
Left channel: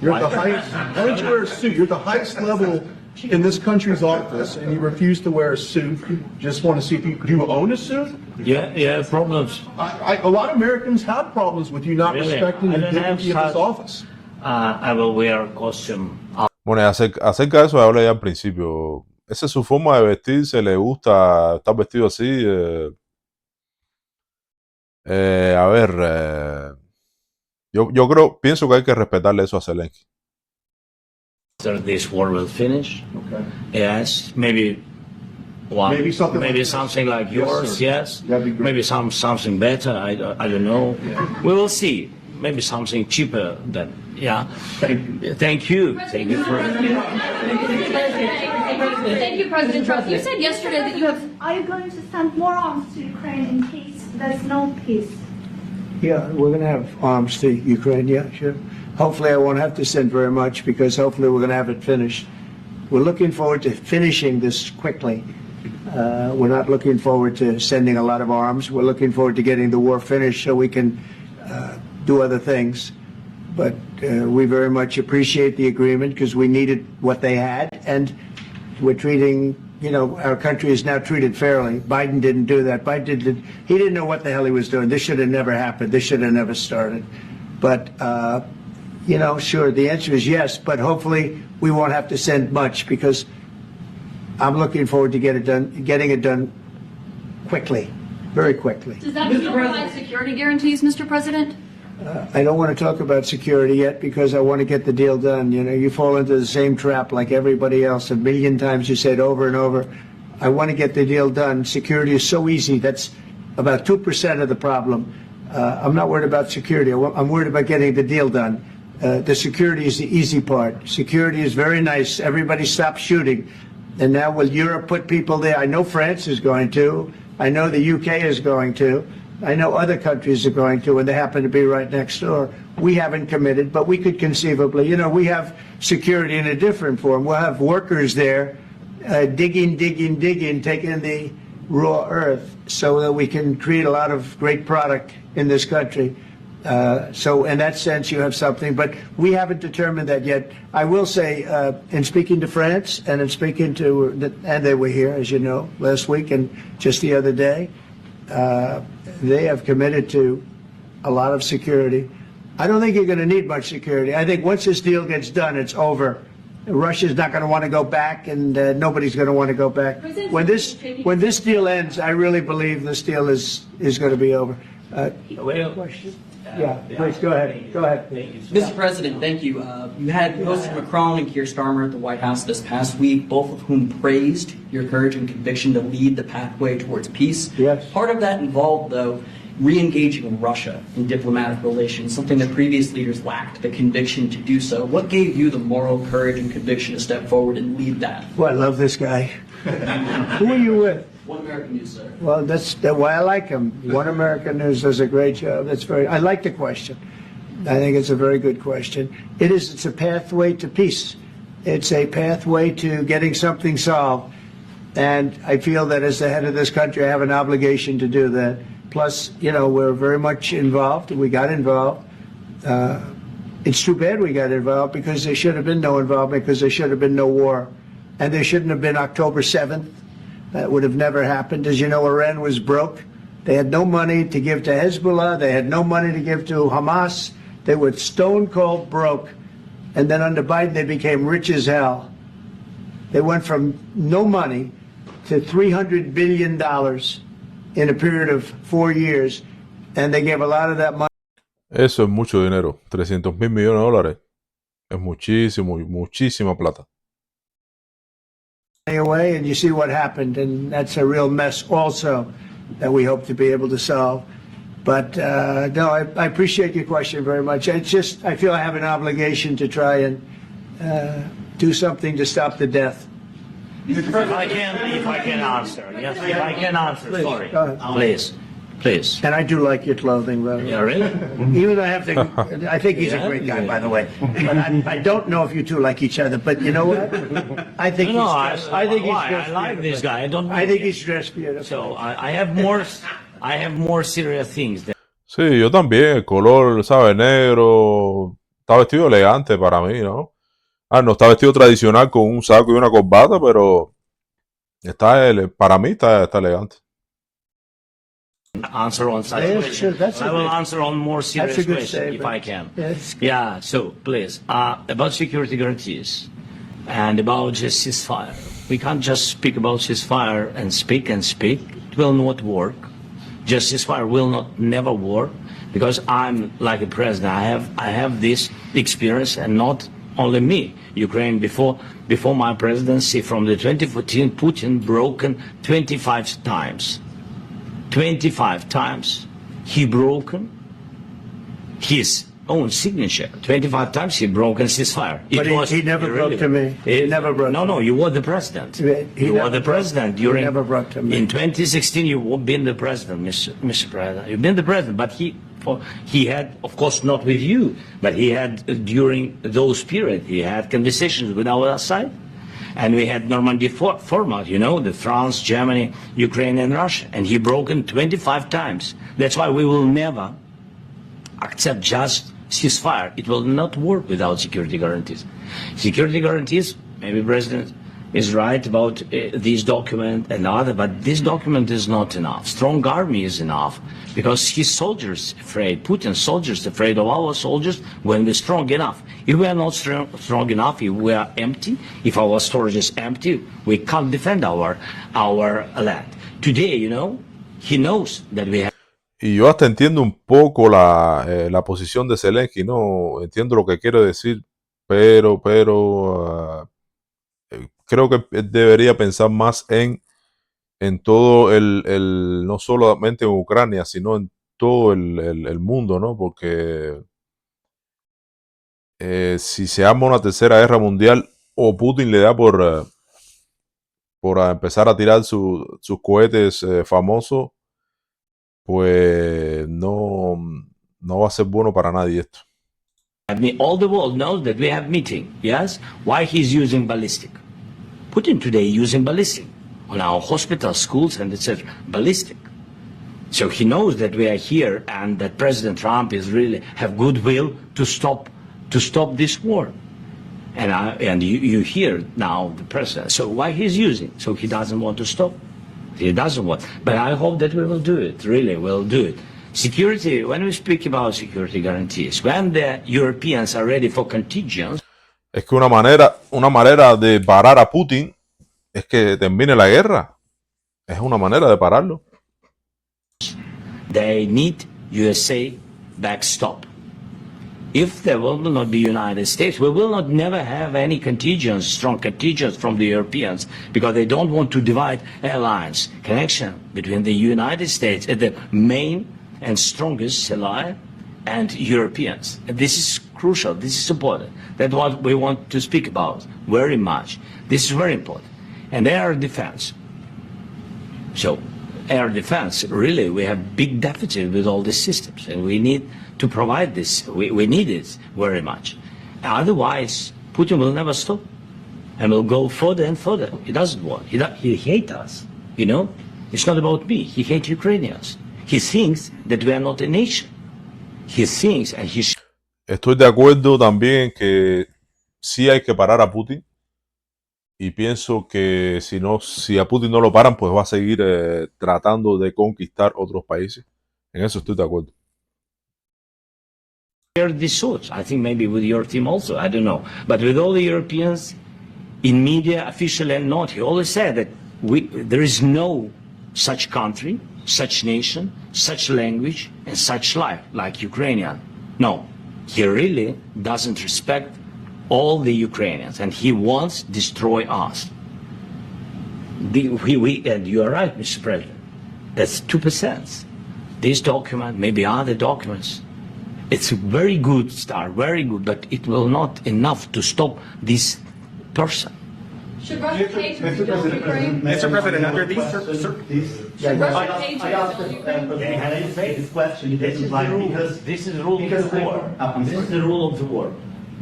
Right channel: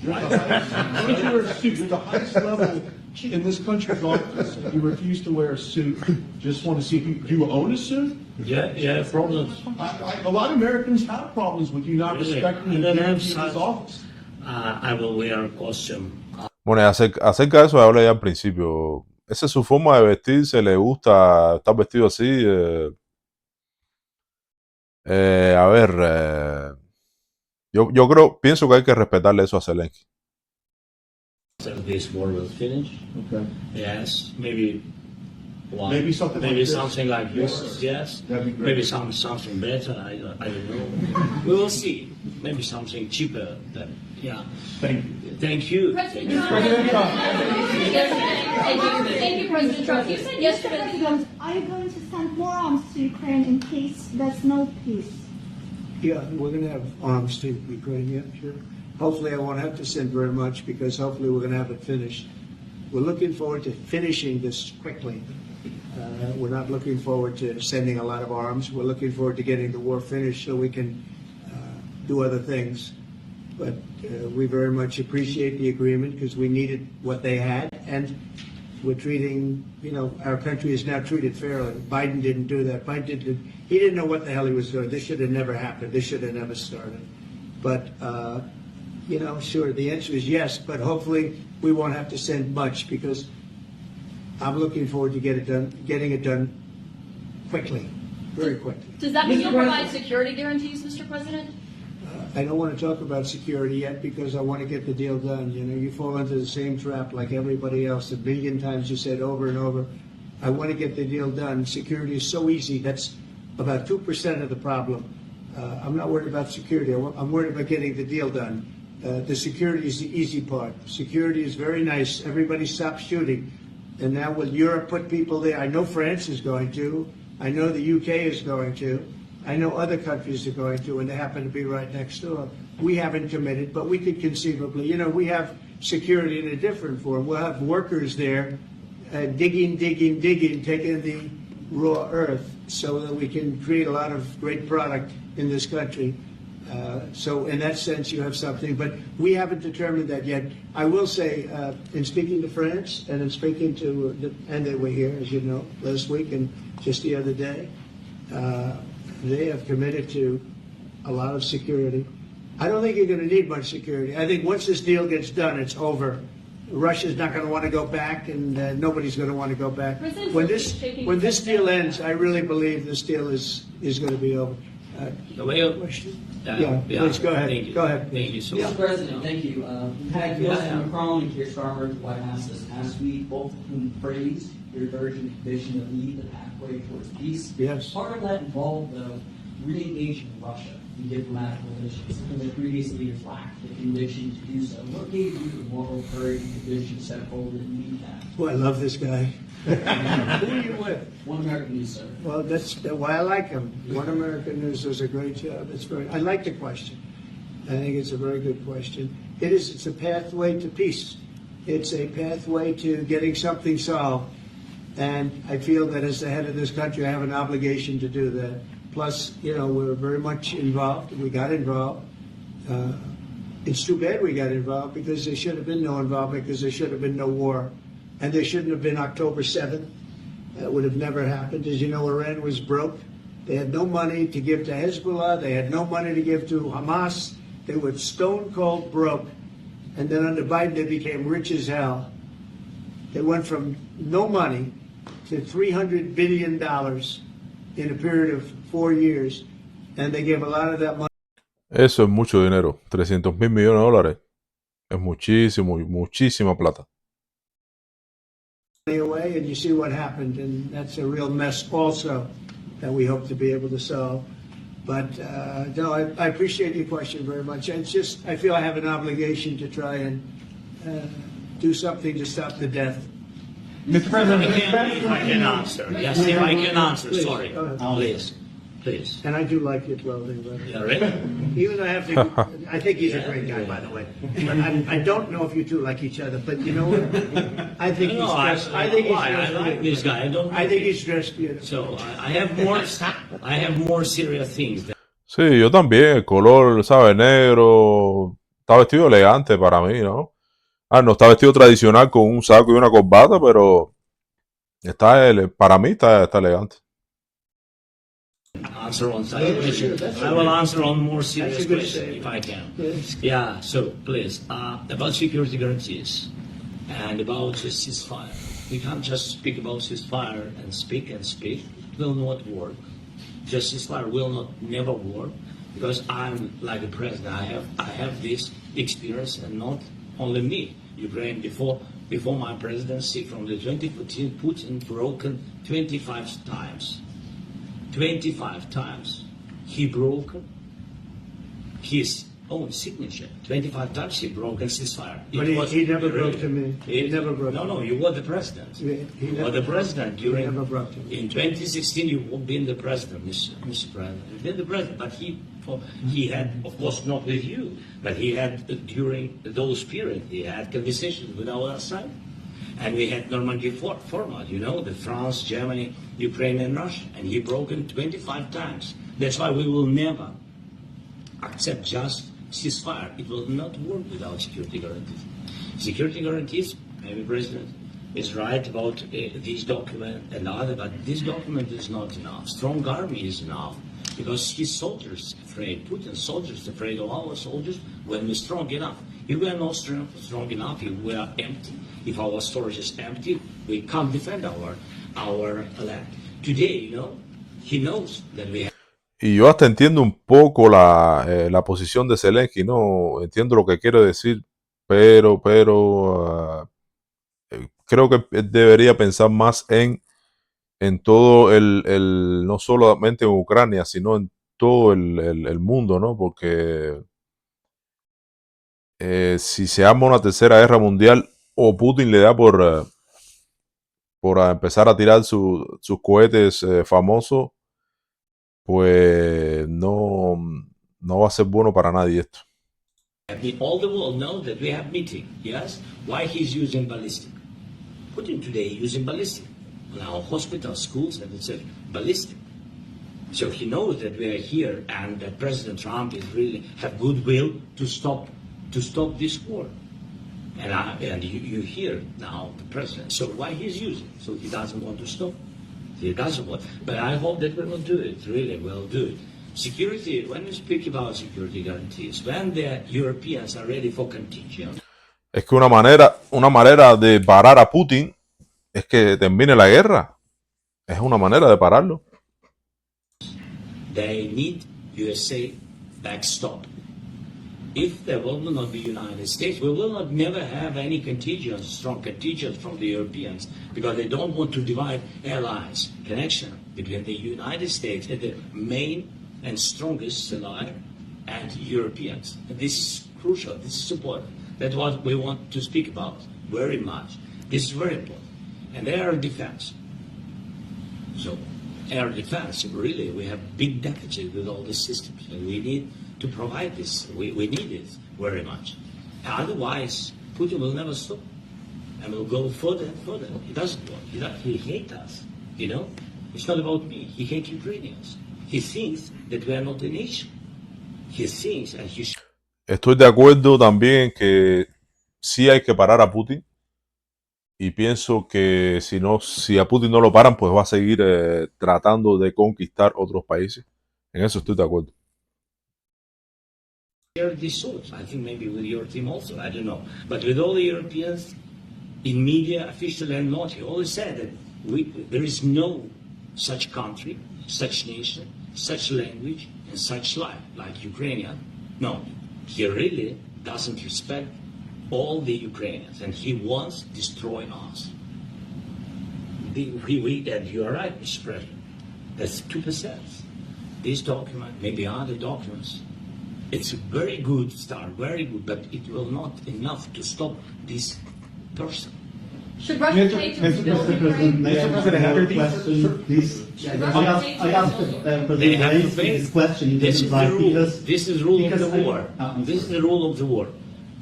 You're at the highest, why don't you wear a suit? You're at the highest level in this country's office, and you refuse to wear a suit. Just want to see if do you own a suit? Yeah, problems. A lot of Americans have problems with you not Really? respecting I the don't have dignity of this such- office. I will wear a costume. Bueno, y acerca de eso hablé ya al principio. Esa es su forma de vestirse, le gusta estar vestido así. A ver, yo pienso que hay que respetarle eso a Zelensky. After this war will finish, Okay. yes, maybe one, Maybe something like this. something like Yes, yours, sir. yes. That'd be great. Maybe something better. I don't know. We will see. Maybe something cheaper than yeah. Thank you. Thank you. Thank you. Thank you, President Trump. You said yesterday that you have. Are you going to send more arms to Ukraine in case there's no peace? Yeah, we're going to have arms to Ukraine, yeah, sure. Hopefully I won't have to send very much because hopefully we're going to have it finished. We're looking forward to finishing this quickly. We're not looking forward to sending a lot of arms. We're looking forward to getting the war finished so we can do other things. But we very much appreciate the agreement because we needed what they had, and we're treating, our country is now treated fairly. Biden didn't do that. He didn't know what the hell he was doing. This should have never happened. This should have never started. But, sure, the answer is yes, but hopefully we won't have to send much because I'm looking forward to getting it done quickly, very quickly. Does that still provide security guarantees, Mr. President? I don't want to talk about security yet because I want to get the deal done. You fall into the same trap like everybody else. A million times you say it over and over. I want to get the deal done. Security is so easy. That's about 2% of the problem. I'm not worried about security. I'm worried about getting the deal done. The security is the easy part. Security is very nice. Everybody stops shooting. And now will Europe put people there? I know France is going to. I know the UK is going to. I know other countries are going to, and they happen to be right next door. We haven't committed, but we could conceivably. We have security in a different form. We'll have workers there digging, taking the raw earth so that we can create a lot of great product in this country. So in that sense, you have something, but we haven't determined that yet. I will say, in speaking to France and in speaking to, and they were here, as you know, last week and just the other day, they have committed to a lot of security. I don't think you're going to need much security. I think once this deal gets done, it's over. Russia's not going to want to go back, and nobody's going to want to go back. When this deal ends, I really believe this deal is going to be over. Question? Please go ahead. Go ahead. Thank you so Mr. much. President, thank you. You had Mr. Macron and Keir Starmer at the White House this past week, both of whom praised your courage and conviction to lead the pathway towards peace. Yes. Part of that involved, though, re-engaging Russia in diplomatic relations, something that previous leaders lacked the conviction to do so. What gave you the moral courage and conviction to step forward and lead that? Well, I love this guy. Who are you with? One American News, sir. Well, that's why I like him. One American News does a great job. I like the question. I think it's a very good question. It's a pathway to peace. It's a pathway to getting something solved. And I feel that as the head of this country, I have an obligation to do that. Plus, we're very much involved. We got involved. It's too bad we got involved because there should have been no involvement because there should have been no war. And there shouldn't have been October 7th. That would have never happened. As you know, Iran was broke. They had no money to give to Hezbollah. They had no money to give to Hamas. They were stone cold broke. And then under Biden, they became rich as hell. They went from no money to $300 billion in a period of 4 years. And they gave a lot of that money Eso es mucho dinero. 300.000 millones de dólares. Es muchísima plata. away, and you see what happened. And that's a real mess also that we hope to be able to solve. But no, I appreciate your question very much. It's just, I feel I have an obligation to try and do something to stop the death. Mr. President, if I can answer. Yes, if I can answer, Please, sorry. go ahead. Please. And I do like your clothing, though. Yeah, really? Even though I think he's a great guy, by the way. But I don't know if you two like each other. But you know what? I think No, he's dressed. I think he's why? dressed I like this guy. I think he's dressed beautiful. So I have more serious things than Sí, yo también. El color, ¿sabes? Negro. Está vestido elegante para mí, ¿no? No está vestido tradicional con un saco y una corbata, pero para mí está elegante. answer on such Yeah, question. sure, that's I a will good- answer on more serious that's a good question if statement. I can. Yes. Yeah, so please, about security guarantees and about just ceasefire. We can't just speak about ceasefire and speak. It will not work. Just ceasefire will not never work because I'm like a president. I have this experience, and not only me. Ukraine before my presidency from the 2014, Putin broken 25 times. 25 times he broken his own signature. 25 times he broken ceasefire. But he never broke to me. He never broke to me. No, you were the president. You were the president during. never broke to me. In 2016, you've been the president, Mr. President. You've been the president, but he had, of course, not with you, but he had during those periods. He had conversations with our side. And we had Normandy format, the France, Germany, Ukraine, and Russia. And he broken 25 times. That's why we will never accept just ceasefire. It will not work without security guarantees. Security guarantees, maybe President is right about this document and other, but this document is not enough. Strong army is enough because his soldiers afraid, Putin's soldiers afraid of our soldiers when we're strong enough. If we are not strong enough, if we are empty, if our storage is empty, we can't defend our land. Today, you know, he knows that we have. Y yo hasta entiendo un poco la posición de Zelensky, ¿no? Entiendo lo que quiere decir, pero creo que él debería pensar más en todo no solamente en Ucrania, sino en todo el mundo, ¿no? Porque si se arma una tercera guerra mundial o Putin le da por empezar a tirar sus cohetes famosos, pues no va a ser bueno para nadie esto. I mean, all the world knows that we have meeting, yes? Why he's using ballistic? Putin today using ballistic on our hospitals, schools, and etc. Ballistic. So he knows that we are here and that President Trump is really have goodwill to stop this war. And you hear now the president. So why he's using? So he doesn't want to stop. He doesn't want. But I hope that we will do it. Really, we'll do it. Security. When we speak about security guarantees, when the Europeans are ready for contingents. Es que una manera de parar a Putin es que termine la guerra. Es una manera de pararlo. They need USA backstop. If there will not be United States, we will not never have any contingents, strong contingents from the Europeans, because they don't want to divide alliance connection between the United States and the main and strongest ally and Europeans. And this is crucial. This is important. That's what we want to speak about very much. This is very important. And air defense. So air defense, really, we have big deficit with all these systems, and we need to provide this. We need it very much. Otherwise, Putin will never stop and will go further and further. He doesn't want. He hates us, you know? It's not about me. He hates Ukrainians. He thinks that we are not a nation. He thinks and he... Estoy de acuerdo también que sí hay que parar a Putin. Y pienso que si a Putin no lo paran, pues va a seguir tratando de conquistar otros países. En eso estoy de acuerdo. This suits. I think maybe with your team also, I don't know. But with all the Europeans, in media, officially and not, he always said that there is no such country, such nation, such language, and such life like Ukrainian. No, he really doesn't respect all the Ukrainians, and he wants to destroy us. And you are right, Mr. President. That's 2%. This document, maybe other documents, it's a very good start, very good, but it will not enough to stop this person. Should Russia take to rebuild Ukraine? Mr. President, under these... I asked this question. This is the rule. This is the rule of the war. This is the rule of the war.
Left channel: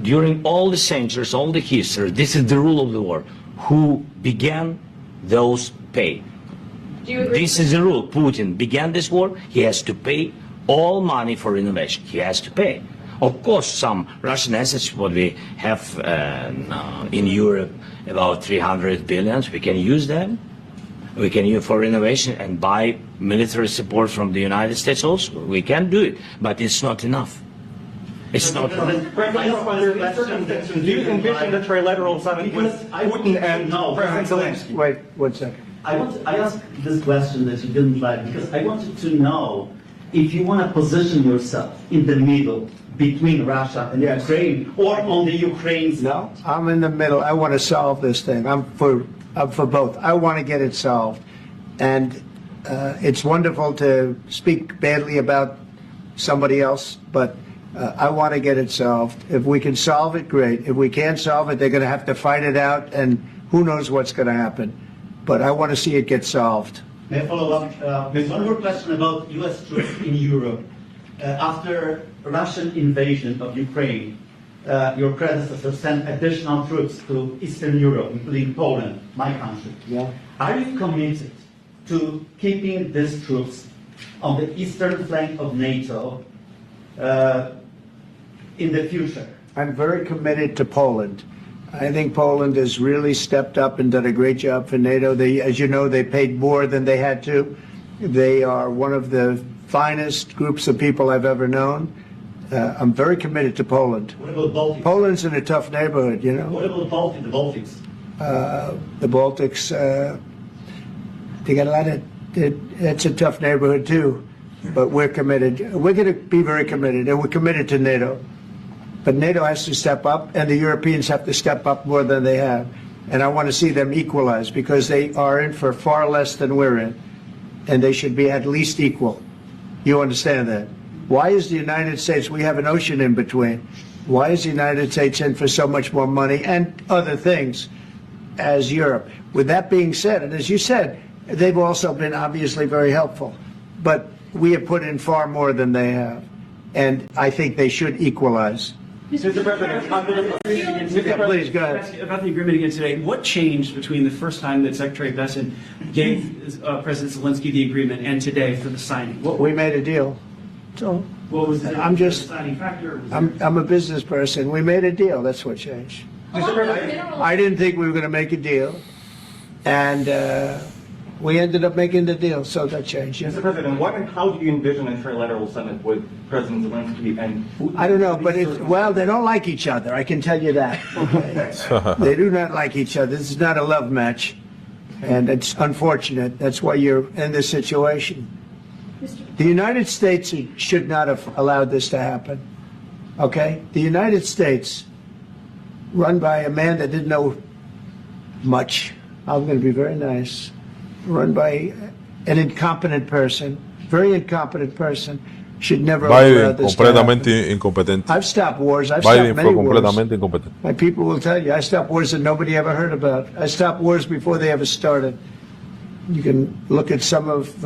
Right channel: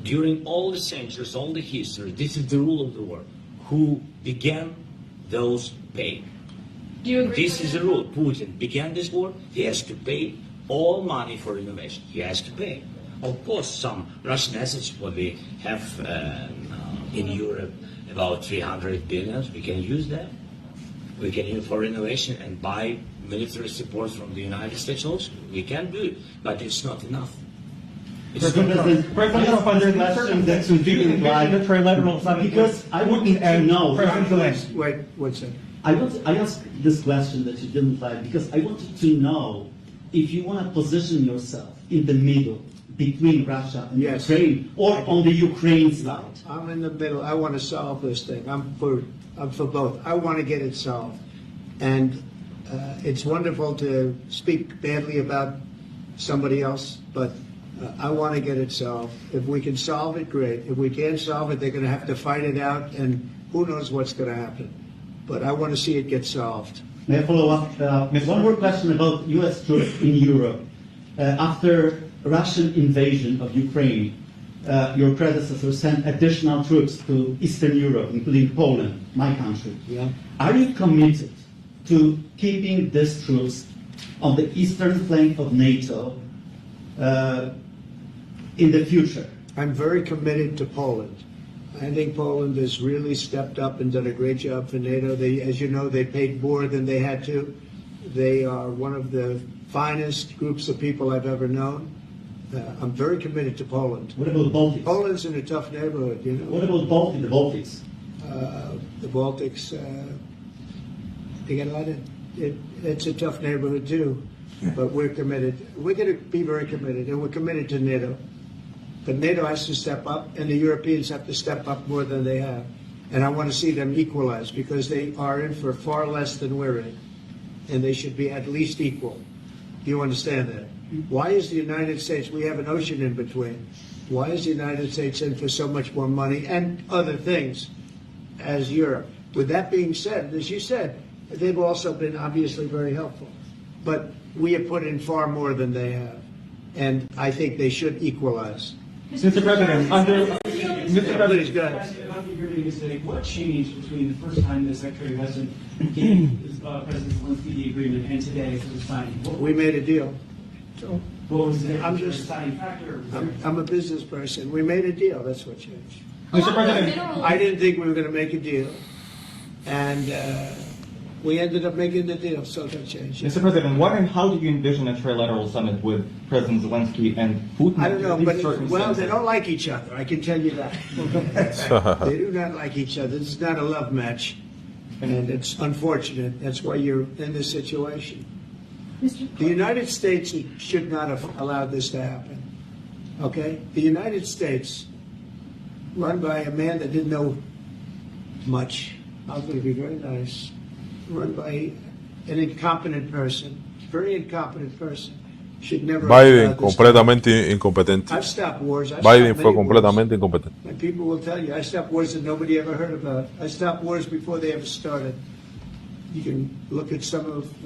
During all the centuries, all the history, this is the rule of the war. Who began, those pay. Do you agree? This is the rule. Putin began this war. He has to pay all money for innovation. He has to pay. Of course, some Russian assets, what we have in Europe, about 300 billion, we can use them. We can use for innovation and buy military support from the United States also. We can do it, but it's not enough. It's not enough. Because I want to know. Wait 1 second. I asked this question that you didn't like because I wanted to know if you want to position yourself in the middle between Russia and Yes. Ukraine or on the Ukraine side. No, I'm in the middle. I want to solve this thing. I'm for both. I want to get it solved. And it's wonderful to speak badly about somebody else, but I want to get it solved. If we can solve it, great. If we can't solve it, they're going to have to fight it out, and who knows what's going to happen. But I want to see it get solved. May I follow up with one more question about U.S. troops in Europe? After Russian invasion of Ukraine, your predecessor sent additional troops to Eastern Europe, including Poland, my country. Yeah. Are you committed to keeping these troops on the eastern flank of NATO in the future? I'm very committed to Poland. I think Poland has really stepped up and done a great job for NATO. They, as you know, they paid more than they had to. They are one of the finest groups of people I've ever known. I'm very committed to Poland. What about the Baltics? Poland's in a tough neighborhood, you know. What about the Baltics? The Baltics, they got a lot of, it's a tough neighborhood too, but we're committed. We're going to be very committed, and we're committed to NATO. But NATO has to step up, and the Europeans have to step up more than they have. And I want to see them equalize, because they are in for far less than we're in, and they should be at least equal. You understand that? Why is the United States, we have an ocean in between, why is the United States in for so much more money and other things as Europe? With that being said, and as you said, they've also been obviously very helpful, but we have put in far more than they have, and I think they should equalize. Mr. President, Please, go ahead. about the agreement again today, what changed between the first time that Secretary Bessent gave President Zelensky the agreement and today for the signing? We made a deal. So What was the I'm just, deciding factor? I'm a business person. We made a deal. That's what changed. Mr. President, I didn't think we were going to make a deal, and we ended up making the deal, so that changed. Mr. President, what and how do you envision a trilateral summit with President Zelensky and Putin? I don't know, but well, they don't like each other. I can tell you that. They do not like each other. This is not a love match, and it's unfortunate. That's why you're in this situation. The United States should not have allowed this to happen. Okay, the United States, run by a man that didn't know much. I'm going to be very nice. Run by an incompetent person, very incompetent person, should never have Biden allowed this to completamente happen. incompetente. I've stopped wars. I've Biden stopped fue many wars. completamente incompetente. My people will tell you, I stopped wars that nobody ever heard about. I stopped wars before they ever started. You can look at some of,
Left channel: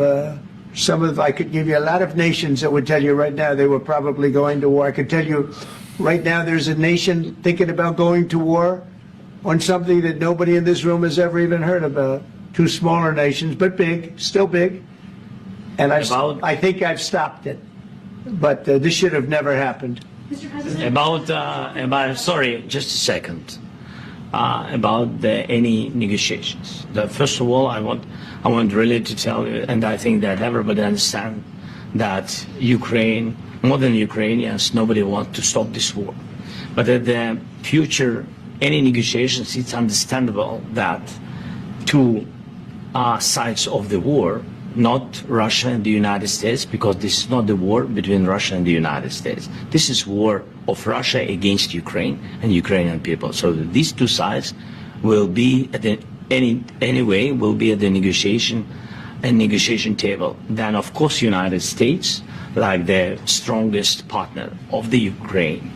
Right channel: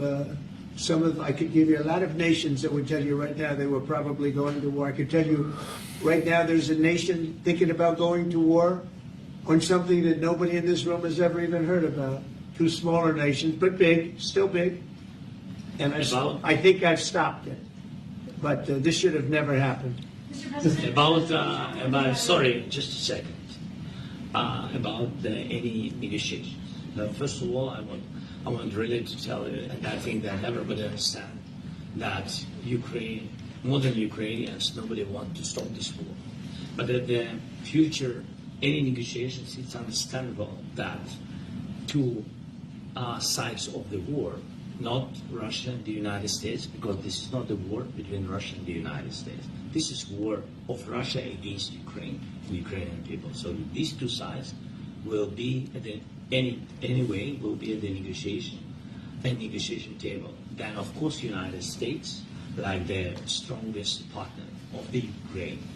I could give you a lot of nations that would tell you right now they were probably going to war. I could tell you right now there's a nation thinking about going to war on something that nobody in this room has ever even heard about. Two smaller nations, but big, still big. And I think I've stopped it. But this should have never happened. Mr. President. About sorry, just a second. About any negotiations. First of all, I want really to tell you, and I think that everybody understands that Ukraine, more than Ukrainians, nobody wants to stop this war. But at the future, any negotiations, it's understandable that two sides of the war, not Russia and the United States, because this is not the war between Russia and the United States. This is war of Russia against Ukraine and Ukrainian people. So these two sides will be at anyway will be at the negotiation table. Then of course United States, like the strongest partner of the Ukraine,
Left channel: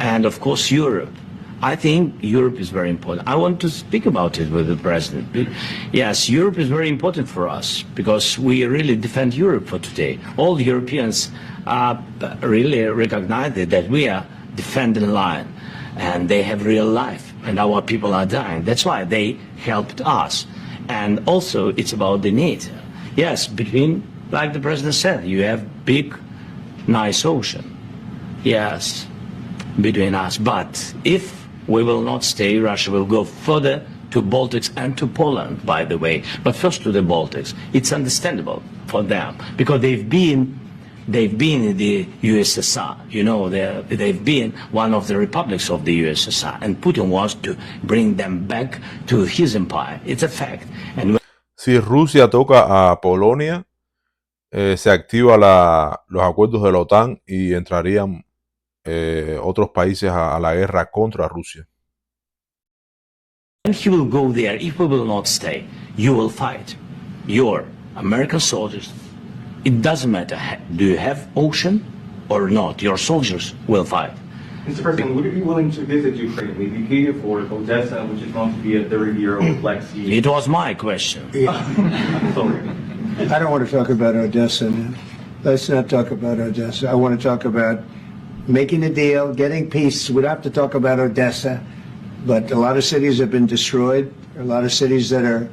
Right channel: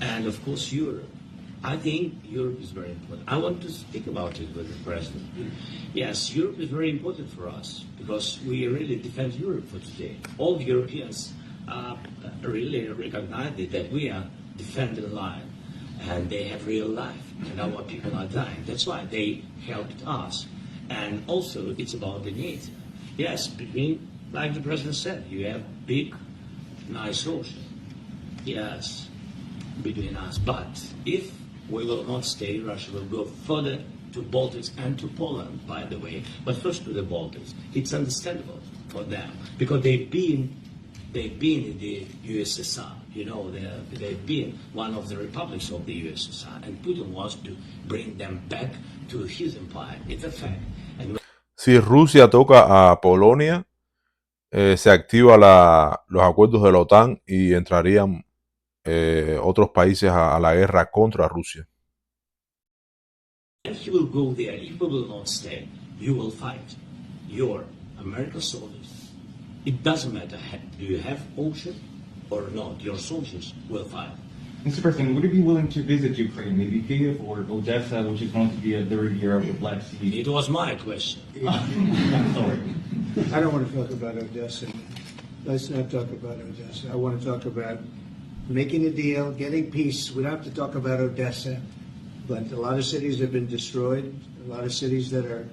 and of course Europe. I think Europe is very important. I want to speak about it with the president. Yes, Europe is very important for us because we really defend Europe for today. All Europeans really recognize that we are defending line, and they have real life, and our people are dying. That's why they helped us. And also, it's about the NATO. Yes, between, like the president said, you have big, nice ocean. Yes, between us. But if we will not stay, Russia will go further to Baltics and to Poland, by the way. But first to the Baltics. It's understandable for them because they've been in the USSR. You know, they've been one of the republics of the USSR, and Putin wants to bring them back to his empire. It's a fact. And Si Rusia toca a Polonia, se activa los acuerdos de la OTAN y entrarían otros países a la guerra contra Rusia. And he will go there. If we will not stay, you will fight. Your American soldiers, it doesn't matter. Do you have ocean or not? Your soldiers will fight. Mr. President, would you be willing to visit Ukraine, maybe Kyiv or Odessa, which is going to be a third year of the Black Sea? It was my question. I'm sorry. I don't want to talk about Odessa now. Let's not talk about Odessa. I want to talk about making a deal, getting peace. We don't have to talk about Odessa, but a lot of cities have been destroyed. A lot of cities that are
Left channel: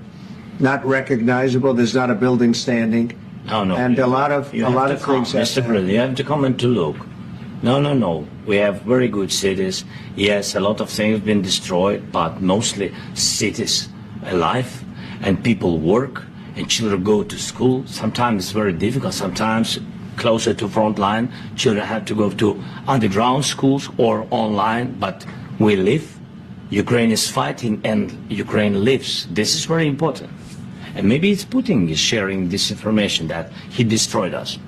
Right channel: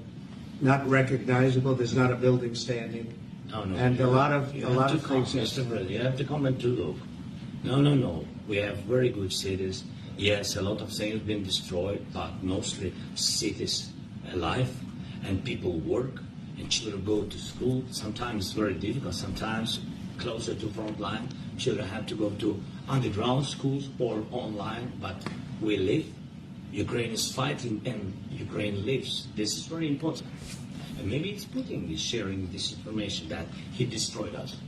not recognizable. There's not a building standing. No. And a lot of things. Mr. President, you have to come and to look. No, no, no. We have very good cities. Yes, a lot of things been destroyed, but mostly cities alive, and people work, and children go to school. Sometimes it's very difficult. Sometimes closer to front line, children have to go to underground schools or online, but we live. Ukraine is fighting and Ukraine lives. This is very important. And maybe it's Putin is sharing this information that he destroyed us.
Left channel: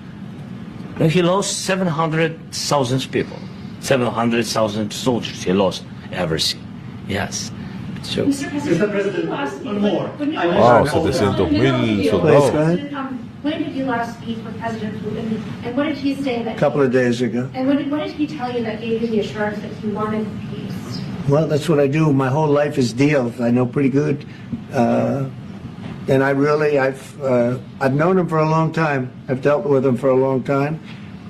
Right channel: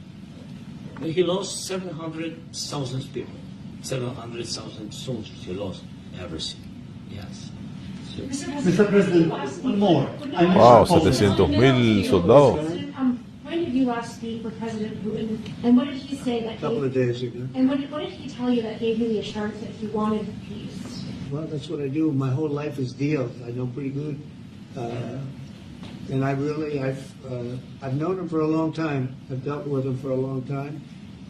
No, he lost 700,000 people, 700,000 soldiers. He lost everything. Yes. So, Mr. President, one more. Wow, 700,000 soldados. When did you last speak with President Putin, and what did he say that? A couple of days ago. And what did he tell you that gave you the assurance that he wanted peace? Well, that's what I do. My whole life is deals. I know pretty good, and I've known him for a long time. I've dealt with him for a long time.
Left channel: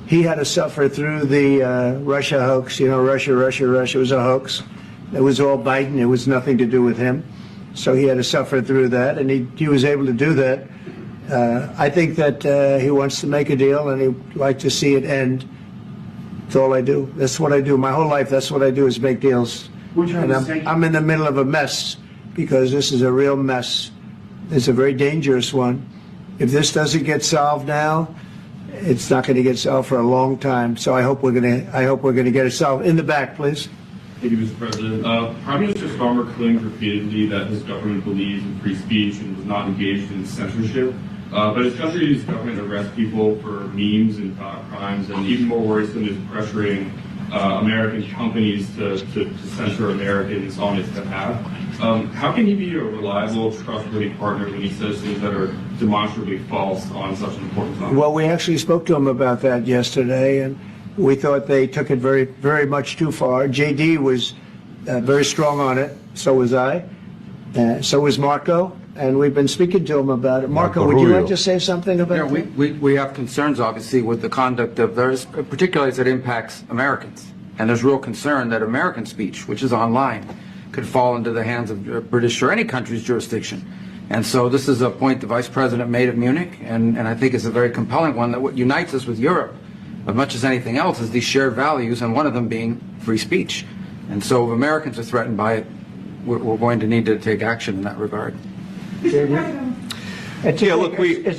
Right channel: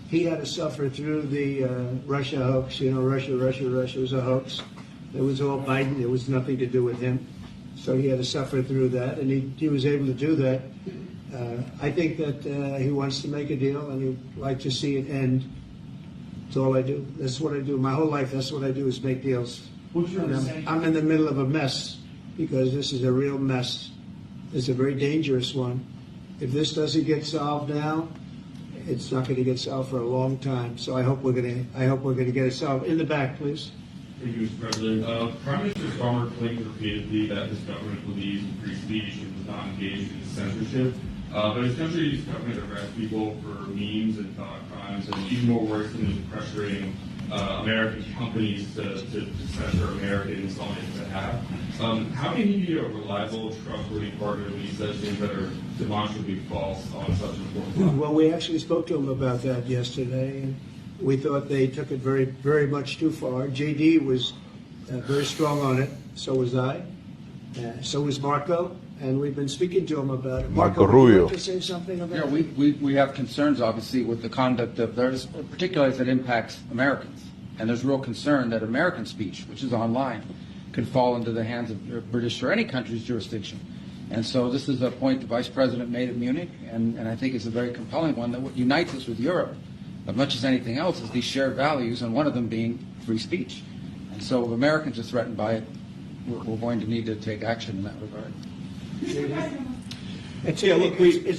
He had to suffer through the Russia hoax. You know, Russia was a hoax. It was all Biden. It was nothing to do with him. So he had to suffer through that, and he was able to do that. I think that he wants to make a deal, and he'd like to see it end. That's all I do. That's what I do. My whole life, that's what I do, is make deals. And I'm in the middle of a mess, because this is a real mess. It's a very dangerous one. If this doesn't get solved now, it's not going to get solved for a long time. So I hope we're going to get it solved. In the back, please. Thank you, Mr. President. Prime Minister Starmer claimed repeatedly that his government believes in free speech and was not engaged in censorship. But his country's government arrests people for memes and thought crimes, and even more worrisome is pressuring American companies to censor Americans on his behalf. How can he be a reliable, trustworthy partner when he says things that are demonstrably false on such an important topic? Well, we actually spoke to him about that yesterday, and we thought they took it very, very much too far. JD was very strong on it. So was I. So was Marco. And we've been speaking to him about it. Marco, would you like to say something about it? We have concerns, obviously, with the conduct of those, particularly as it impacts Americans. And there's real concern that American speech, which is online, could fall into the hands of British or any country's jurisdiction. And so this is a point the Vice President made at Munich, and I think it's a very compelling one, that what unites us with Europe, as much as anything else, is these shared values, and one of them being free speech. And so if Americans are threatened by it, we're going to need to take action in that regard. It's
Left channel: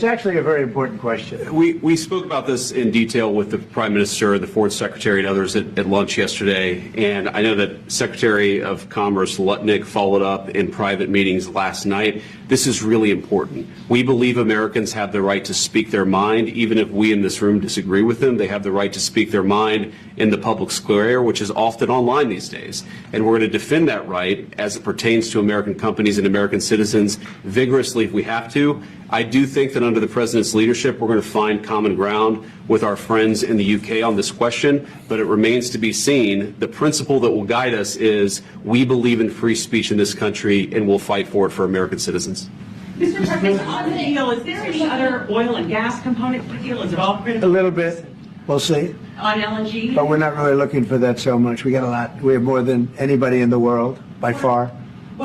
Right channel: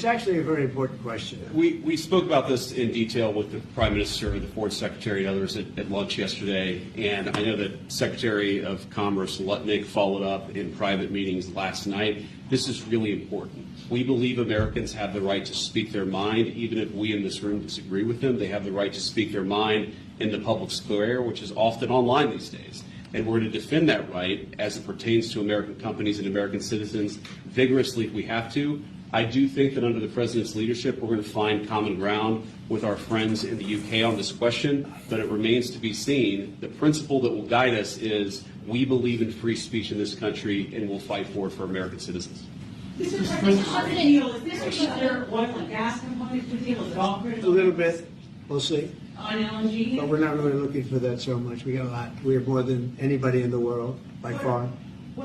actually a very important question. We spoke about this in detail with the Prime Minister, the Foreign Secretary, and others at lunch yesterday. And I know that Secretary of Commerce Lutnick followed up in private meetings last night. This is really important. We believe Americans have the right to speak their mind, even if we in this room disagree with them. They have the right to speak their mind in the public square, which is often online these days. And we're going to defend that right as it pertains to American companies and American citizens vigorously if we have to. I do think that under the President's leadership, we're going to find common ground with our friends in the UK on this question, but it remains to be seen. The principle that will guide us is we believe in free speech in this country, and we'll fight for it for American citizens. Mr. President, on the deal, is there any other oil and gas component to the deal? Is it all critical? A little bit. We'll see. On LNG? But we're not really looking for that so much. We got a lot. We have more than anybody in the world, by far.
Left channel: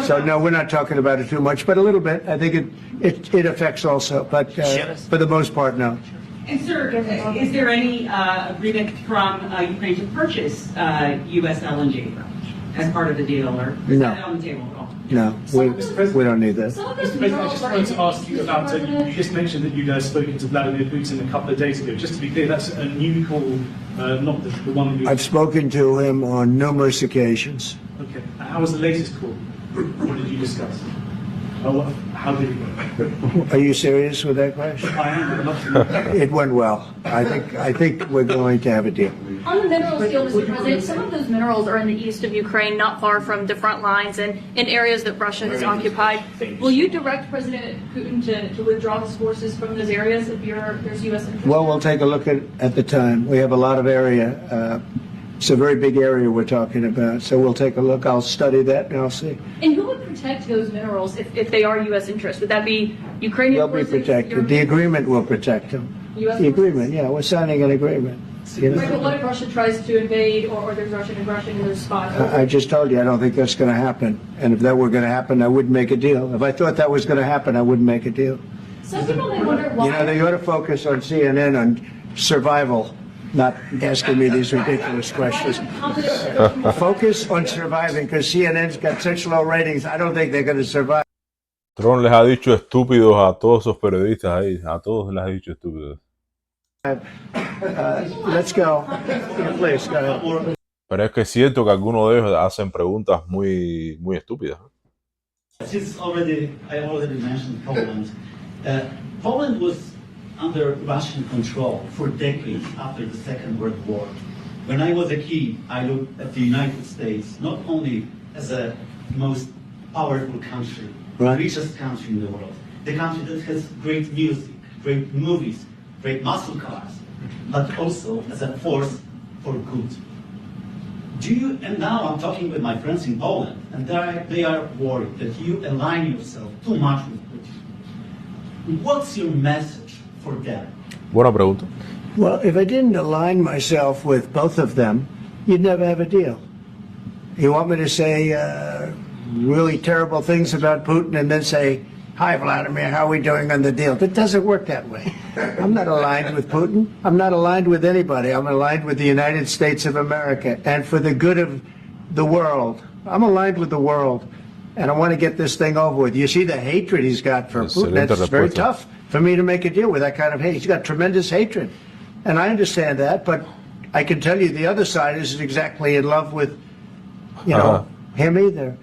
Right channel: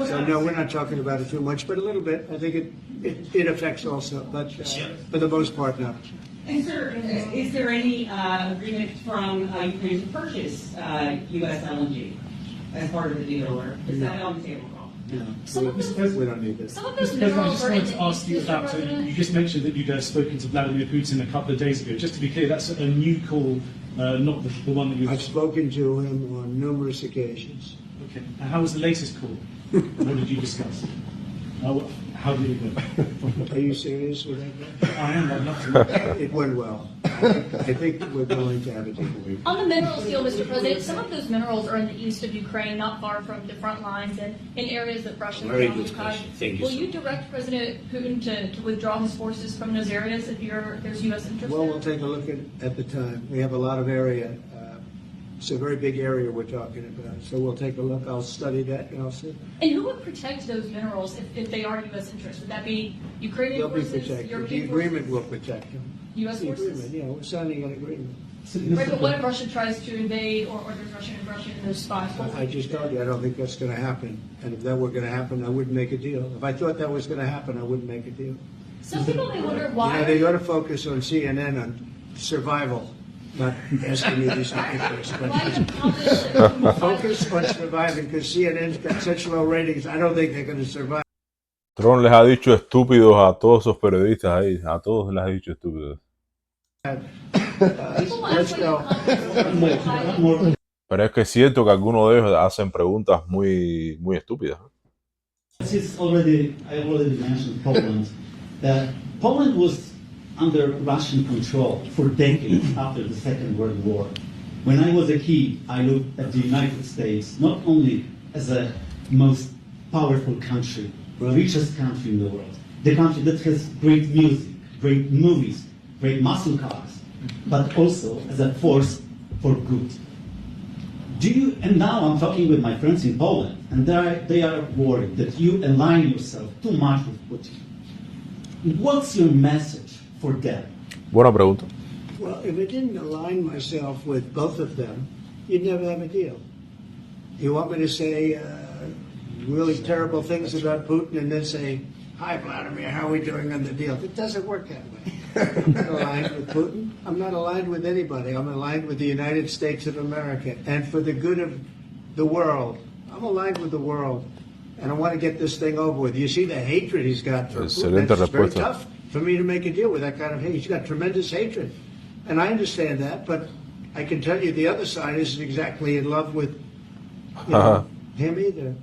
So no, we're not talking about it too much, but a little bit. I think it affects also, but for the most part, no. And sir, is there any agreement from Ukraine to purchase U.S. LNG as part of the deal, or is that on the table at all? No, we don't need that. Mr. President, I just wanted to ask you about, you just mentioned that you'd spoken to Vladimir Putin a couple of days ago. Just to be clear, that's a new call, not the one that you... I've spoken to him on numerous occasions. Okay. And how was the latest call? What did you discuss? How did it go? Are you serious with that question? I am. It went well. I think we're going to have a deal. On the minerals deal, Mr. President, some of those minerals are in the east of Ukraine, not far from the front lines and in areas that Russia has occupied. Will you direct President Putin to withdraw his forces from those areas if there's U.S. interest? Well, we'll take a look at the time. We have a lot of area. It's a very big area we're talking about, so we'll take a look. I'll study that and I'll see. And who would protect those minerals if they are U.S. interests? Would that be Ukrainian They'll be forces? protected. The agreement will protect them. U.S. The forces? agreement, yeah, we're signing an agreement. You Right, but know? what if Russia tries to invade or there's Russian aggression in those spots? I just told you I don't think that's going to happen. And if that were going to happen, I wouldn't make a deal. If I thought that was going to happen, I wouldn't make a deal. Some people may wonder You why. know, they ought to focus on CNN on survival. not asking me these ridiculous questions. Focus on surviving, because CNN's got such low ratings, I don't think they're going to survive. Trump les ha dicho estúpidos a todos esos periodistas ahí, a todos les ha dicho estúpidos. Let's go. Please, go. Pero es que es cierto que algunos de ellos hacen preguntas muy, muy estúpidas. Since I already mentioned Poland, that Poland was under Russian control for decades after the Second World War. When I was a kid, I looked at the United States not only as a most powerful country, richest country in the world, the country that has great music, great movies, great muscle cars, but also as a force for good. And now I'm talking with my friends in Poland, and they are worried that you align yourself too much with Putin. What's your message for them? Buena pregunta. Well, if I didn't align myself with both of them, you'd never have a deal. You want me to say really terrible things about Putin and then say, hi, Vladimir, how are we doing on the deal? It doesn't work that way. I'm not aligned with Putin. I'm not aligned with anybody. I'm aligned with the United States of America and for the good of the world. I'm aligned with the world, and I want to get this thing over with. You see the hatred he's got for Putin. It's very tough for me to make a deal with that kind of hate. He's got tremendous hatred, and I understand that, but I can tell you the other side isn't exactly in love with, him either.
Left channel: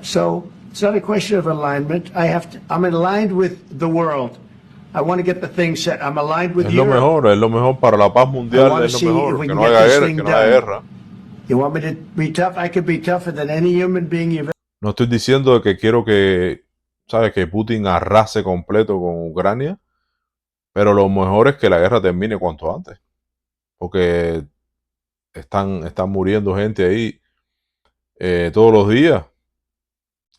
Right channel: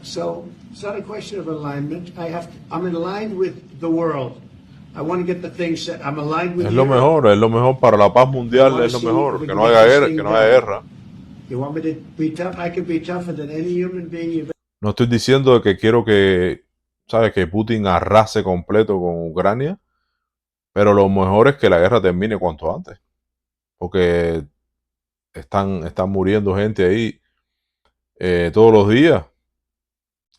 So it's not a question of alignment. I'm aligned with the world. I want to get the thing set. I'm aligned with es lo mejor para la paz mundial, es lo mejor, que no haya guerra, You want me to be tough? I could be tougher than any human being you've ever. No estoy diciendo que quiero que, ¿sabes? Que Putin arrase completo con Ucrania, pero lo mejor es que la guerra termine cuanto antes, porque están muriendo gente ahí todos los días,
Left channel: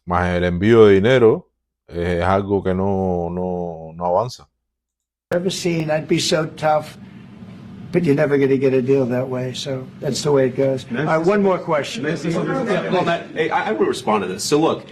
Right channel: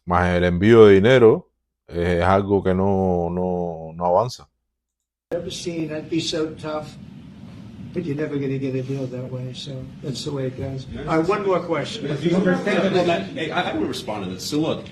más el envío de dinero es algo que no avanza. Ever seen? I'd be so tough, but you're never going to get a deal that way. So that's the way it goes. All right, one more question. I would respond to this. So look,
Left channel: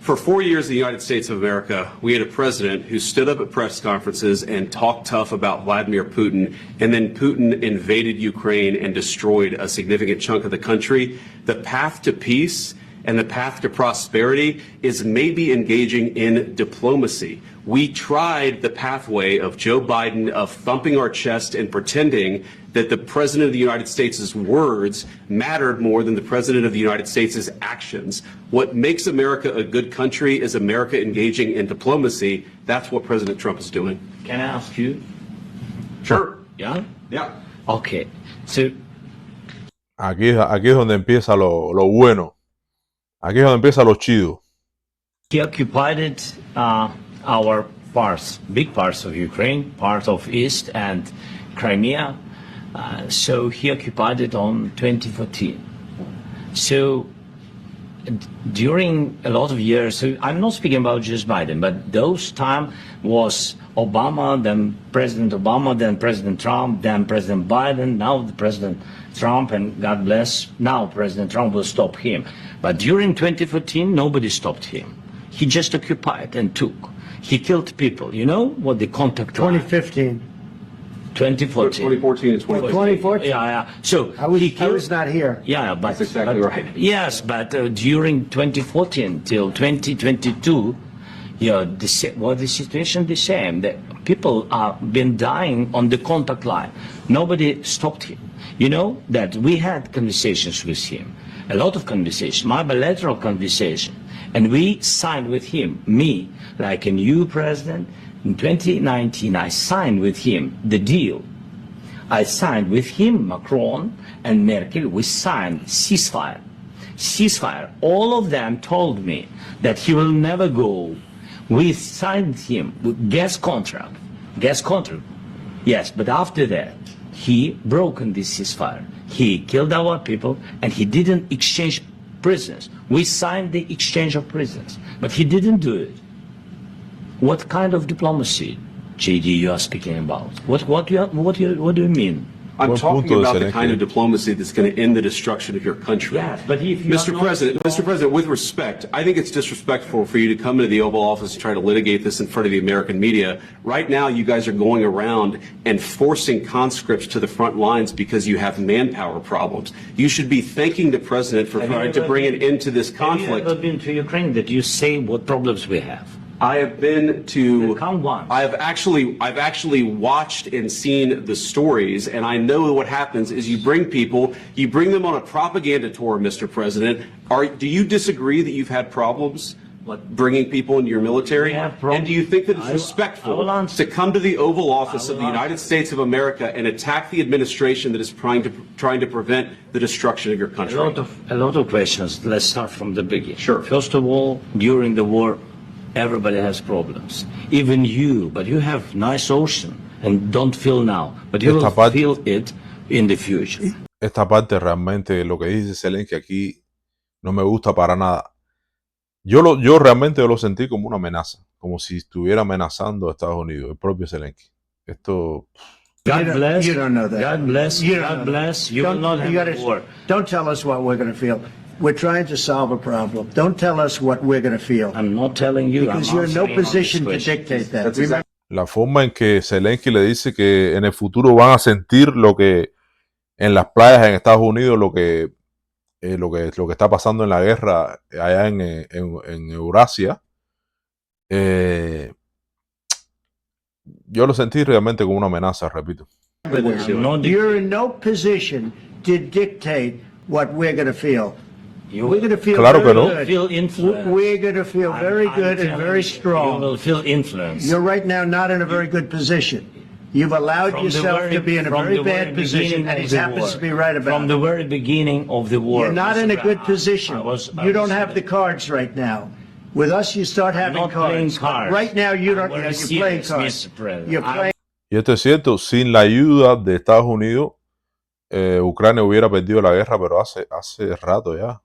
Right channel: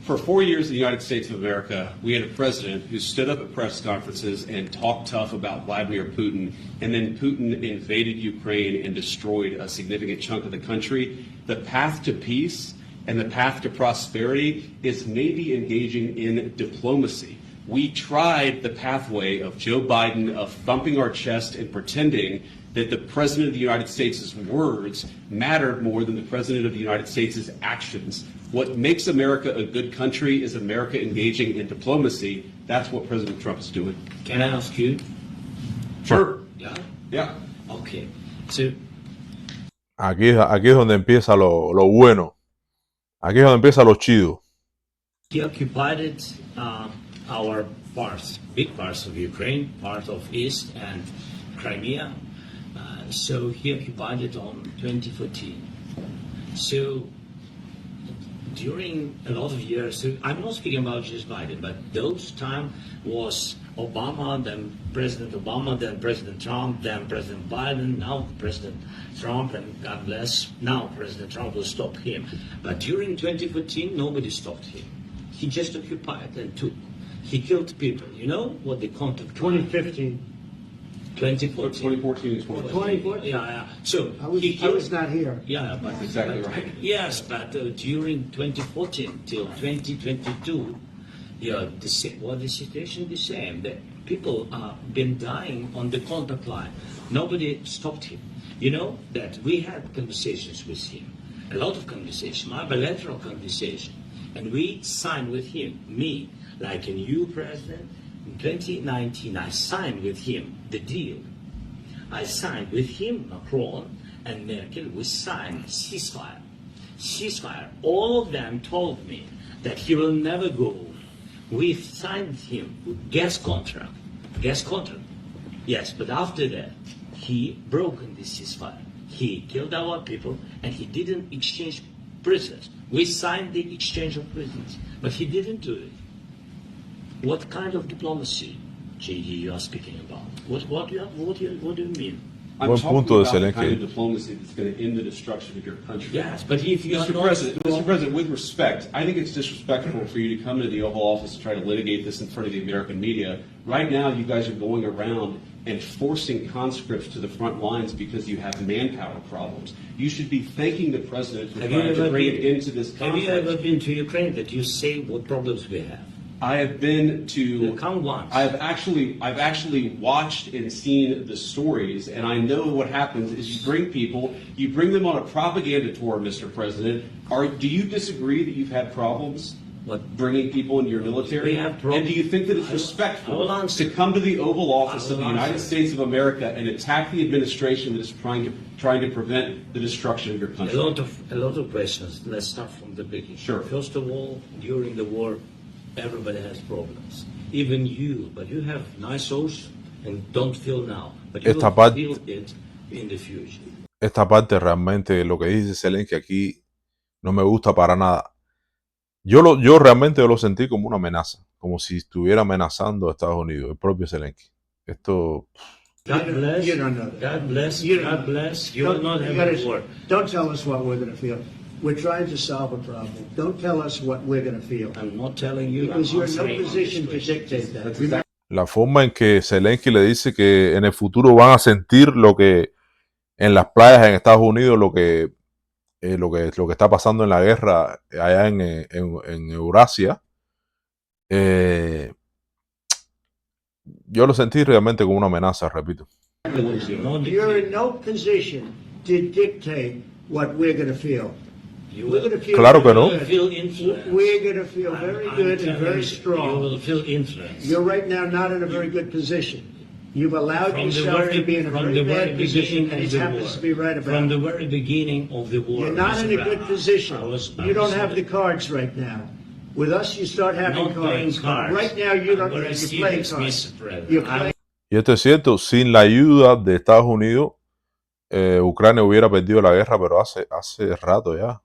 for 4 years in the United States of America, we had a president who stood up at press conferences and talked tough about Vladimir Putin, and then Putin invaded Ukraine and destroyed a significant chunk of the country. The path to peace and the path to prosperity is maybe engaging in diplomacy. We tried the pathway of Joe Biden of thumping our chest and pretending that the President of the United States' words mattered more than the President of the United States' actions. What makes America a good country is America engaging in diplomacy. That's what President Trump is doing. Can I ask you? Sure. Yeah? Yeah. Okay. So Aquí es donde empieza lo bueno. Aquí es donde empieza lo chido. he occupied our parts, big parts of Ukraine, part of East and Crimea. So he occupied it on 2014. So during a lot of years, so I'm not speaking about just Biden, but those time was Obama, then President Obama, then President Trump, then President Biden, now the President Trump, and God bless, now President Trump will stop him. But during 2014, nobody stopped him. He just occupied and took. He killed people. You know what the contact line? 2015. 2014. 2014 and 2014. Yeah. So I was not here. Yeah, but That's exactly right. Yes, but during 2014 till 2022, the situation the same. The people have been dying on the contact line. Nobody stopped him. You know that we had conversations with him, a lot of conversations, my bilateral conversation, and we signed with him, me, like a new president. In 2019, I signed with him the deal. I signed with him, Macron and Merkel, we signed ceasefire. Ceasefire. All of them told me that he will never go. We signed him with gas contract. Gas contract. Yes, but after that, he broken this ceasefire. He killed our people and he didn't exchange prisoners. We signed the exchange of prisoners, but he didn't do it. What kind of diplomacy, JD, you are speaking about? What do you mean? I'm Buen talking punto de about the kind Zelensky. of diplomacy that's going to end the destruction of your country. Yes, but if you Mr. are not President, strong- Mr. President, with respect, I think it's disrespectful for you to come into the Oval Office and try to litigate this in front of the American media. Right now, you guys are going around and forcing conscripts to the front lines because you have manpower problems. You should be thanking the President for trying to bring an end to this Have you conflict. ever been to Ukraine that you say what problems we have? I have been to. Come once. I've actually watched and seen the stories, and I know what happens is you bring them on a propaganda tour, Mr. President. Do you disagree that you've had problems bringing people into your military? And do you think that it's respectful to come to the Oval Office of the United States of America and attack the administration that is trying to prevent the destruction of your country? A lot of questions. Let's start from the beginning. Sure. First of all, during the war, everybody has problems. Even you, but you have nice ocean and don't feel now, but you Esta will parte- feel it in the future. Esta parte realmente, lo que dice Zelensky aquí, no me gusta para nada. Yo realmente lo sentí como una amenaza, como si estuviera amenazando a Estados Unidos, el propio Zelensky. Esto, God bless. You don't know that. God bless. You don't God know bless. that. You will not you have gotta- war. Don't tell us what we're going to feel. We're trying to solve a problem. Don't tell us what we're going to feel. I'm not telling you. Because I'm you're in no answering on position this to question. dictate that. That's Remember- la forma en que Zelensky le dice que en el futuro van a sentir lo que en las playas en Estados Unidos, lo que está pasando en la guerra allá en Eurasia. Yo lo sentí realmente como una amenaza, repito. You're in no position to dictate what we're going to feel. We're going to feel Claro que very no. good. Feel influence. We're going to feel very I'm good and telling very you, strong. You will feel influence. You're right now not in a very good position. You've allowed From the yourself very- to be in a from very the very bad position, beginning and of he the happens war. to be right about From the it. very beginning of the war. You're not in a Mr. good position. I was You don't have the saying, cards right now. With us, you start having not playing cards. cards. Right now, you don't. I'm very You're playing serious, cards. Mr. President. You're I'm- playing. Y esto es cierto, sin la ayuda de Estados Unidos, Ucrania hubiera perdido la guerra, pero hace rato ya.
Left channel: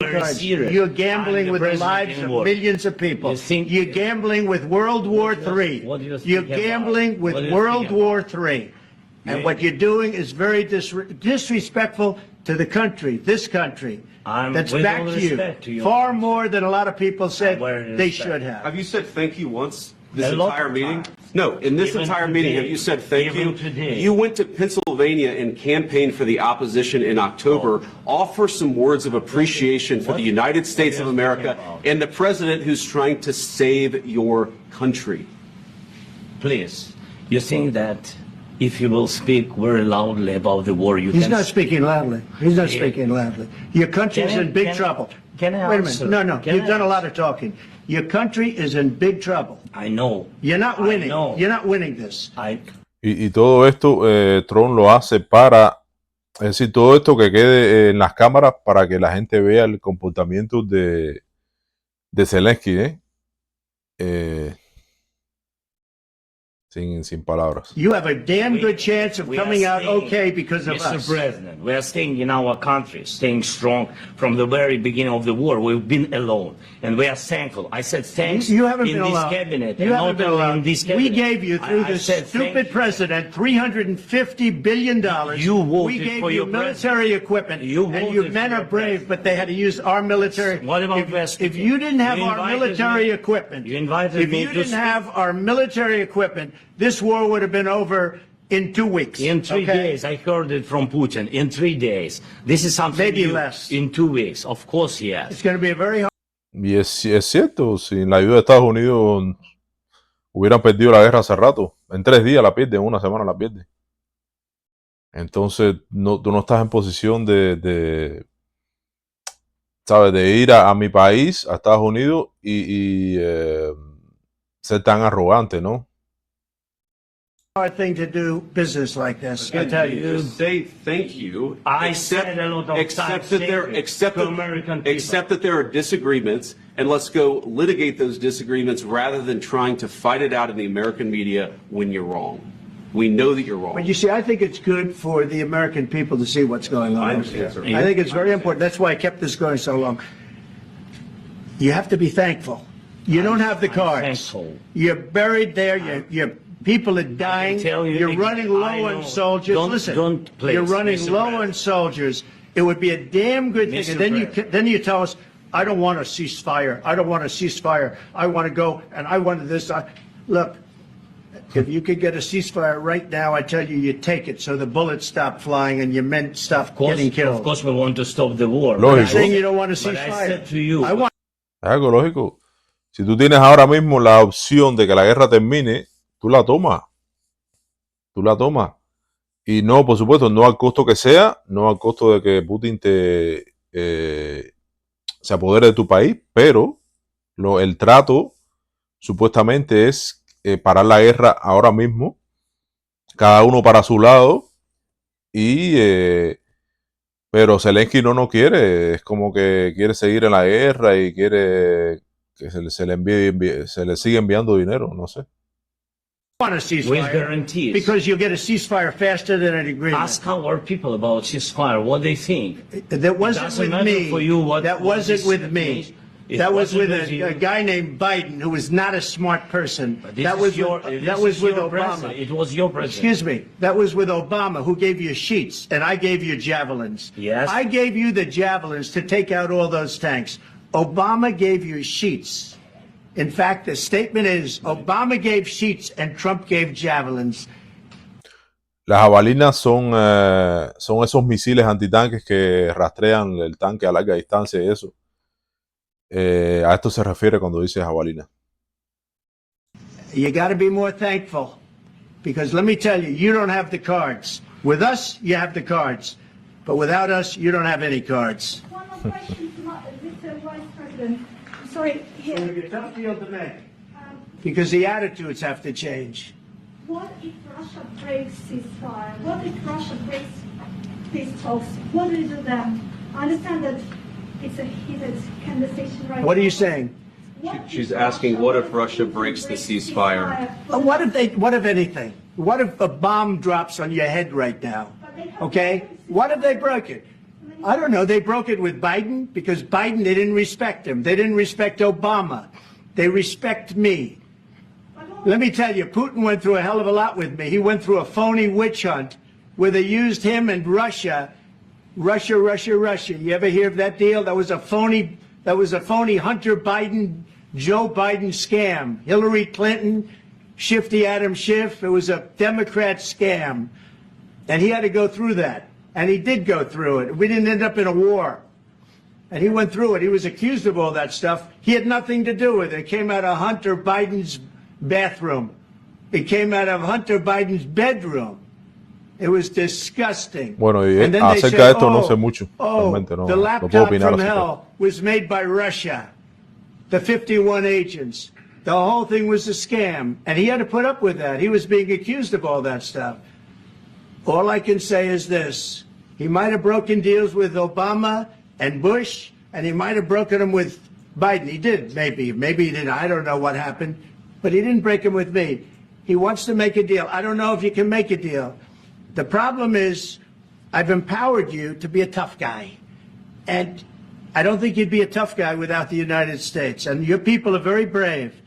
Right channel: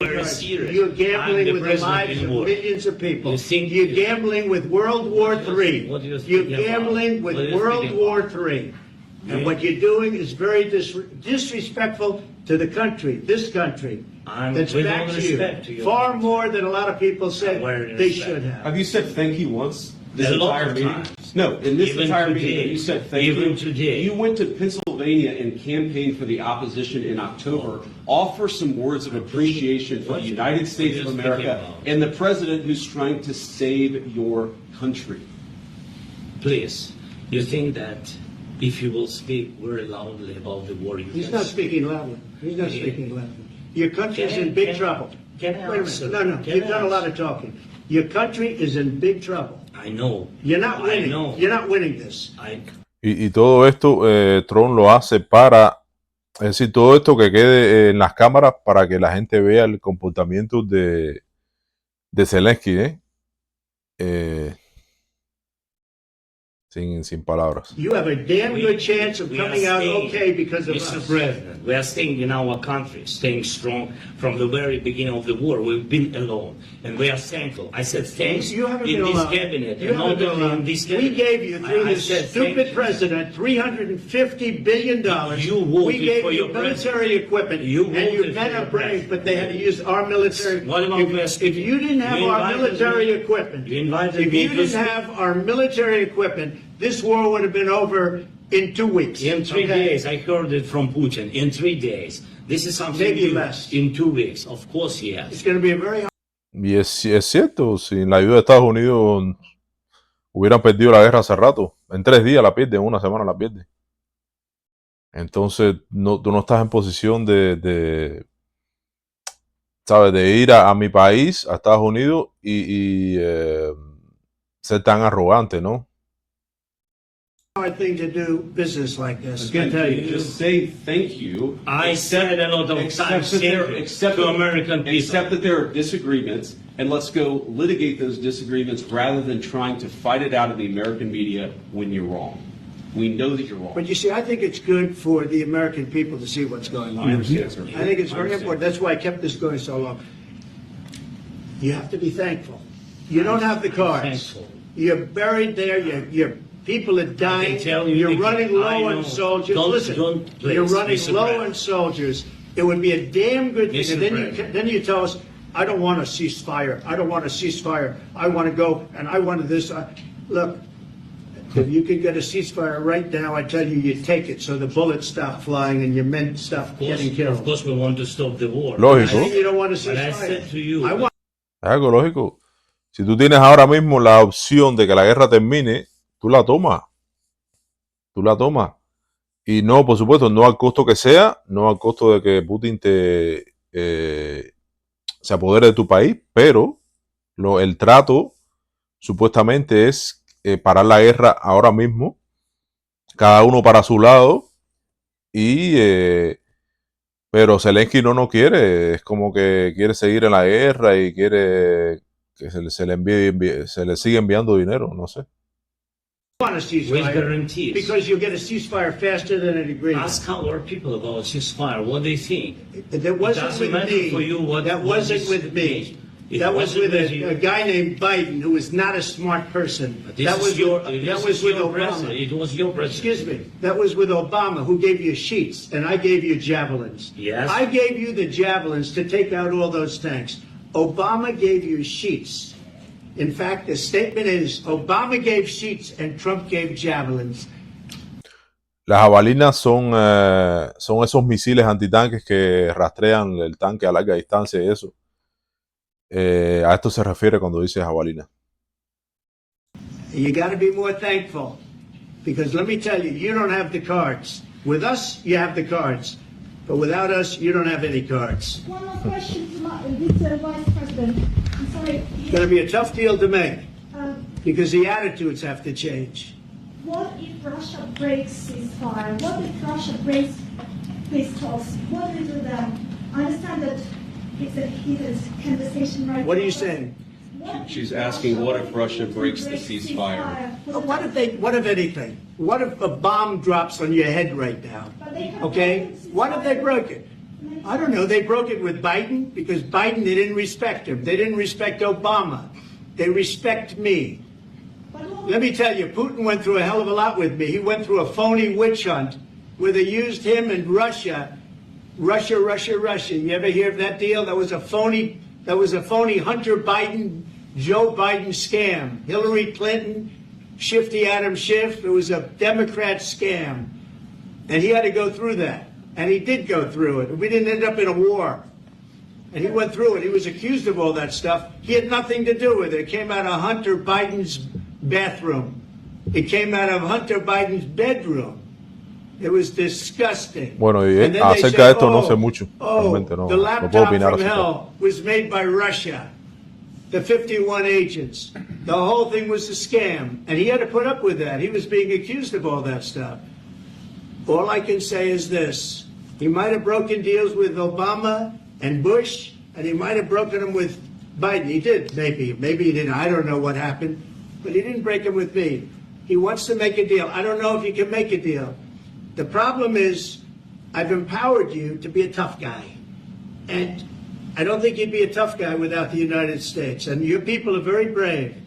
very serious. You're I'm gambling the with the president lives in of war. millions of people. You think- You're gambling with World War III. What do you You're think about? gambling with What do you World think War about? III. And what you're doing is very disrespectful to the country, this country, I'm that's with back all to respect to you, you. far more than a lot of people say wearing they respect. should have. Have you said thank you once this A lot entire of meeting? times. No, in this Even entire meeting, today. have you said thank Even you? today. You went to Pennsylvania and campaigned for the opposition in October. Offer some words of appreciation for the United States of you America speaking about? and the president who's trying to save your country. Please, you think that if you will speak very loudly about the war, you He's can... not speaking loudly. He's not speaking loudly. Your country's in big trouble. Can I Wait a answer? minute. No, Can you've I done a lot answer? of talking. Your country is in big trouble. I know. You're not I winning. know. You're not winning this. Y todo esto Trump lo hace para, es decir, todo esto que quede en las cámaras para que la gente vea el comportamiento de Zelensky, sin palabras. You have a damn good chance of We are coming out staying, okay because of Mr. us. President, we are staying in our country, staying strong from the very beginning of the war. We've been alone, and we are thankful. I said thanks You haven't in been this alone. cabinet. You and haven't not been only alone. in this We cabinet. gave you, through I this said thank stupid you. president, $350 billion. You we voted gave for you your military president. equipment, You and your voted men for are your brave, but they had to president. use our military. What about If you didn't have You our invited military me- equipment, You invited if me you to didn't speak. have our military equipment, this war would have been over in 2 weeks. In 3 okay? days, I heard it from Putin. In 3 days. This is something Maybe new. less. In 2 weeks. Of course, yes. It's going to be a very hard. Y es cierto, sin la ayuda de Estados Unidos hubieran perdido la guerra hace rato. En 3 días la pierden, en 1 semana la pierden. Entonces, tú no estás en posición ¿sabes? De ir a mi país, a Estados Unidos, y ser tan arrogante, ¿no? hard thing to do business like this. I Again, tell you. just say thank you. I said it a lot of times to American people. Accept that there are disagreements, and let's go litigate those disagreements rather than trying to fight it out in the American media when you're wrong. We know that you're wrong. But you see, I think it's good for the American people to see what's going on. I understand, sir. I think it's I very understand. important. That's why I kept this going so long. You have to be thankful. You don't have the cards. thankful. You're buried there. You're People are dying. tell you You're again, running I low know. on soldiers. Don't- Listen, don't, please, you're running Mr. low President. on soldiers. It would be a damn good thing. Mr. And then President. then you tell us, I don't want a ceasefire. I don't want a ceasefire. I want to go and I want this. Look, if you could get a ceasefire right now, I tell you, you take it so the bullets stop flying and your men stop getting killed. Of course, we want to stop the war. Lógico. Saying you don't want a But I ceasefire. said to you, I want Es algo lógico. Si tú tienes ahora mismo la opción de que la guerra termine, tú la tomas. Tú la tomas. Y no, por supuesto, no al costo que sea, no al costo de que Putin se apodere de tu país, pero el trato supuestamente es parar la guerra ahora mismo, cada uno para su lado, y pero Zelensky no quiere, es como que quiere seguir en la guerra y quiere que se le siga enviando dinero, no sé. a with ceasefire guarantees. because you'll get a ceasefire faster than an agreement. Ask our people about ceasefire, what they think. That wasn't Doesn't with matter me. for you what- That what wasn't is- with me. It That was wasn't with with you. a guy named Biden, who was not a smart person. This That is was your, with, this that is was with your Obama. president. It was your president. Excuse me. That was with Obama, who gave you sheets, and I gave you javelins. Yes. I gave you the javelins to take out all those tanks. Obama gave you sheets. In fact, the statement is Obama gave sheets and Trump gave javelins. Las jabalinas son esos misiles antitanques que rastrean el tanque a larga distancia y eso. A esto se refiere cuando dice jabalina. You got to be more thankful, because let me tell you, you don't have the cards. With us, you have the cards, but without us, you don't have any cards. One more question to Mr. Vice President. I'm sorry. It's going to be a tough deal to make, Um, because the attitudes have to change. what if Russia breaks ceasefire? What if Russia breaks peace talks? What do you do then? I understand that it's a heated conversation right What are now. you saying? She's asking, what if Russia breaks the ceasefire? What if anything? What if a bomb drops on your head right now? Okay? What if they broke it? I don't know. They broke it with Biden because Biden, they didn't respect him. They didn't respect Obama. They respect me. Let me tell you, Putin went through a hell of a lot with me. He went through a phony witch hunt where they used him and Russia. Russia. You ever hear of that deal? That was a phony Hunter Biden, Joe Biden scam. Hillary Clinton, Shifty Adam Schiff. It was a Democrat scam. And he had to go through that. And he did go through it. We didn't end up in a war. And he went through it. He was accused of all that stuff. He had nothing to do with it. It came out of Hunter Biden's bathroom. It came out of Hunter Biden's bedroom. It was disgusting. Bueno, y And then they acerca said, de esto no sé mucho. Realmente the no puedo laptop opinar from acerca. hell was made by Russia. The 51 agents. The whole thing was a scam. And he had to put up with that. He was being accused of all that stuff. All I can say is this. He might have broken deals with Obama and Bush, and he might have broken them with Biden. He did, maybe. Maybe he didn't. I don't know what happened. But he didn't break them with me. He wants to make a deal. I don't know if you can make a deal. The problem is, I've empowered you to be a tough guy. And I don't think you'd be a tough guy without the United States. And your people are very brave.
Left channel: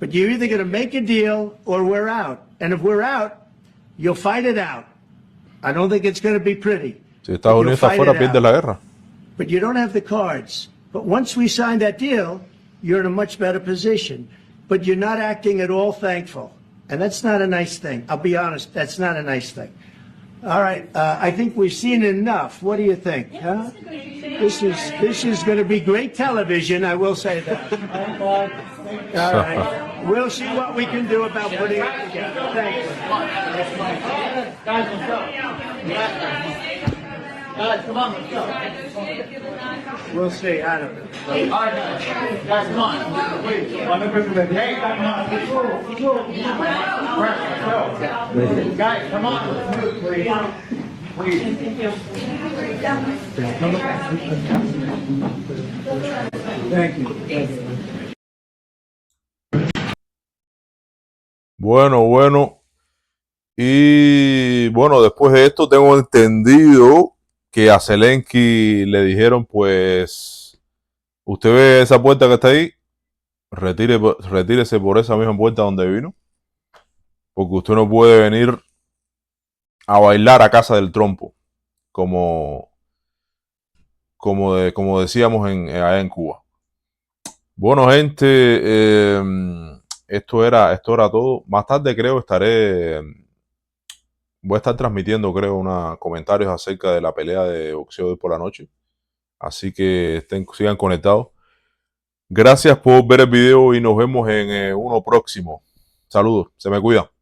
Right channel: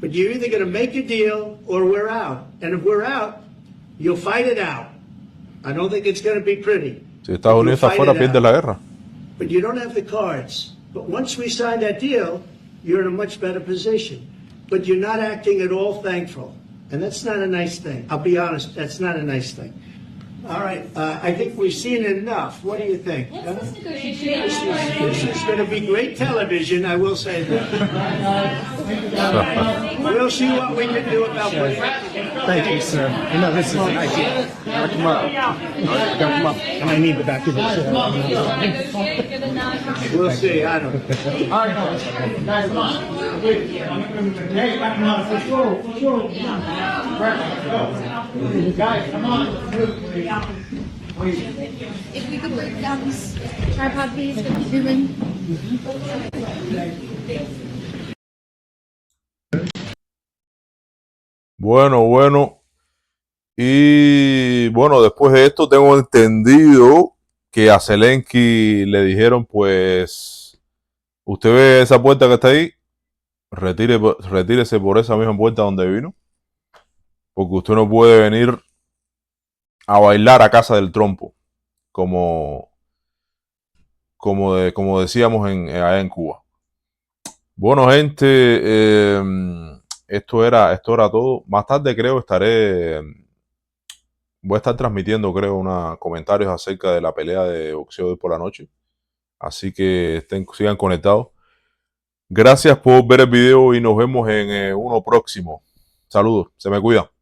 But you're either going to make a deal or we're out. And if we're out, you'll fight it out. I don't think it's going to be pretty. Si Estados Unidos está afuera, pierde la guerra. But you don't have the cards. But once we sign that deal, you're in a much better position. But you're not acting at all thankful. And that's not a nice thing. I'll be honest, that's not a nice thing. All right, I think we've seen enough. What do you think? Huh? This is going to be great television, I will say that. All right. We'll see what we can do about putting it together. Thank you, sir. You know, this is nice. Come up. Come up. And I need the back of the We'll see. I don't know. All right, guys, come on. Wait, hey, guys, come on. Let's move, please. Thank you. Bueno. Y bueno, después de esto tengo entendido que a Zelensky le dijeron, pues, usted ve esa puerta que está ahí, retírese por esa misma puerta donde vino. porque usted no puede venir a bailar a casa del trompo, como, como decíamos allá en Cuba. Bueno, gente, esto era todo. Más tarde creo voy a estar transmitiendo, creo, comentarios acerca de la pelea de boxeo de hoy por la noche. Así que sigan conectados. Gracias por ver el video y nos vemos en uno próximo. Saludos, se me cuidan.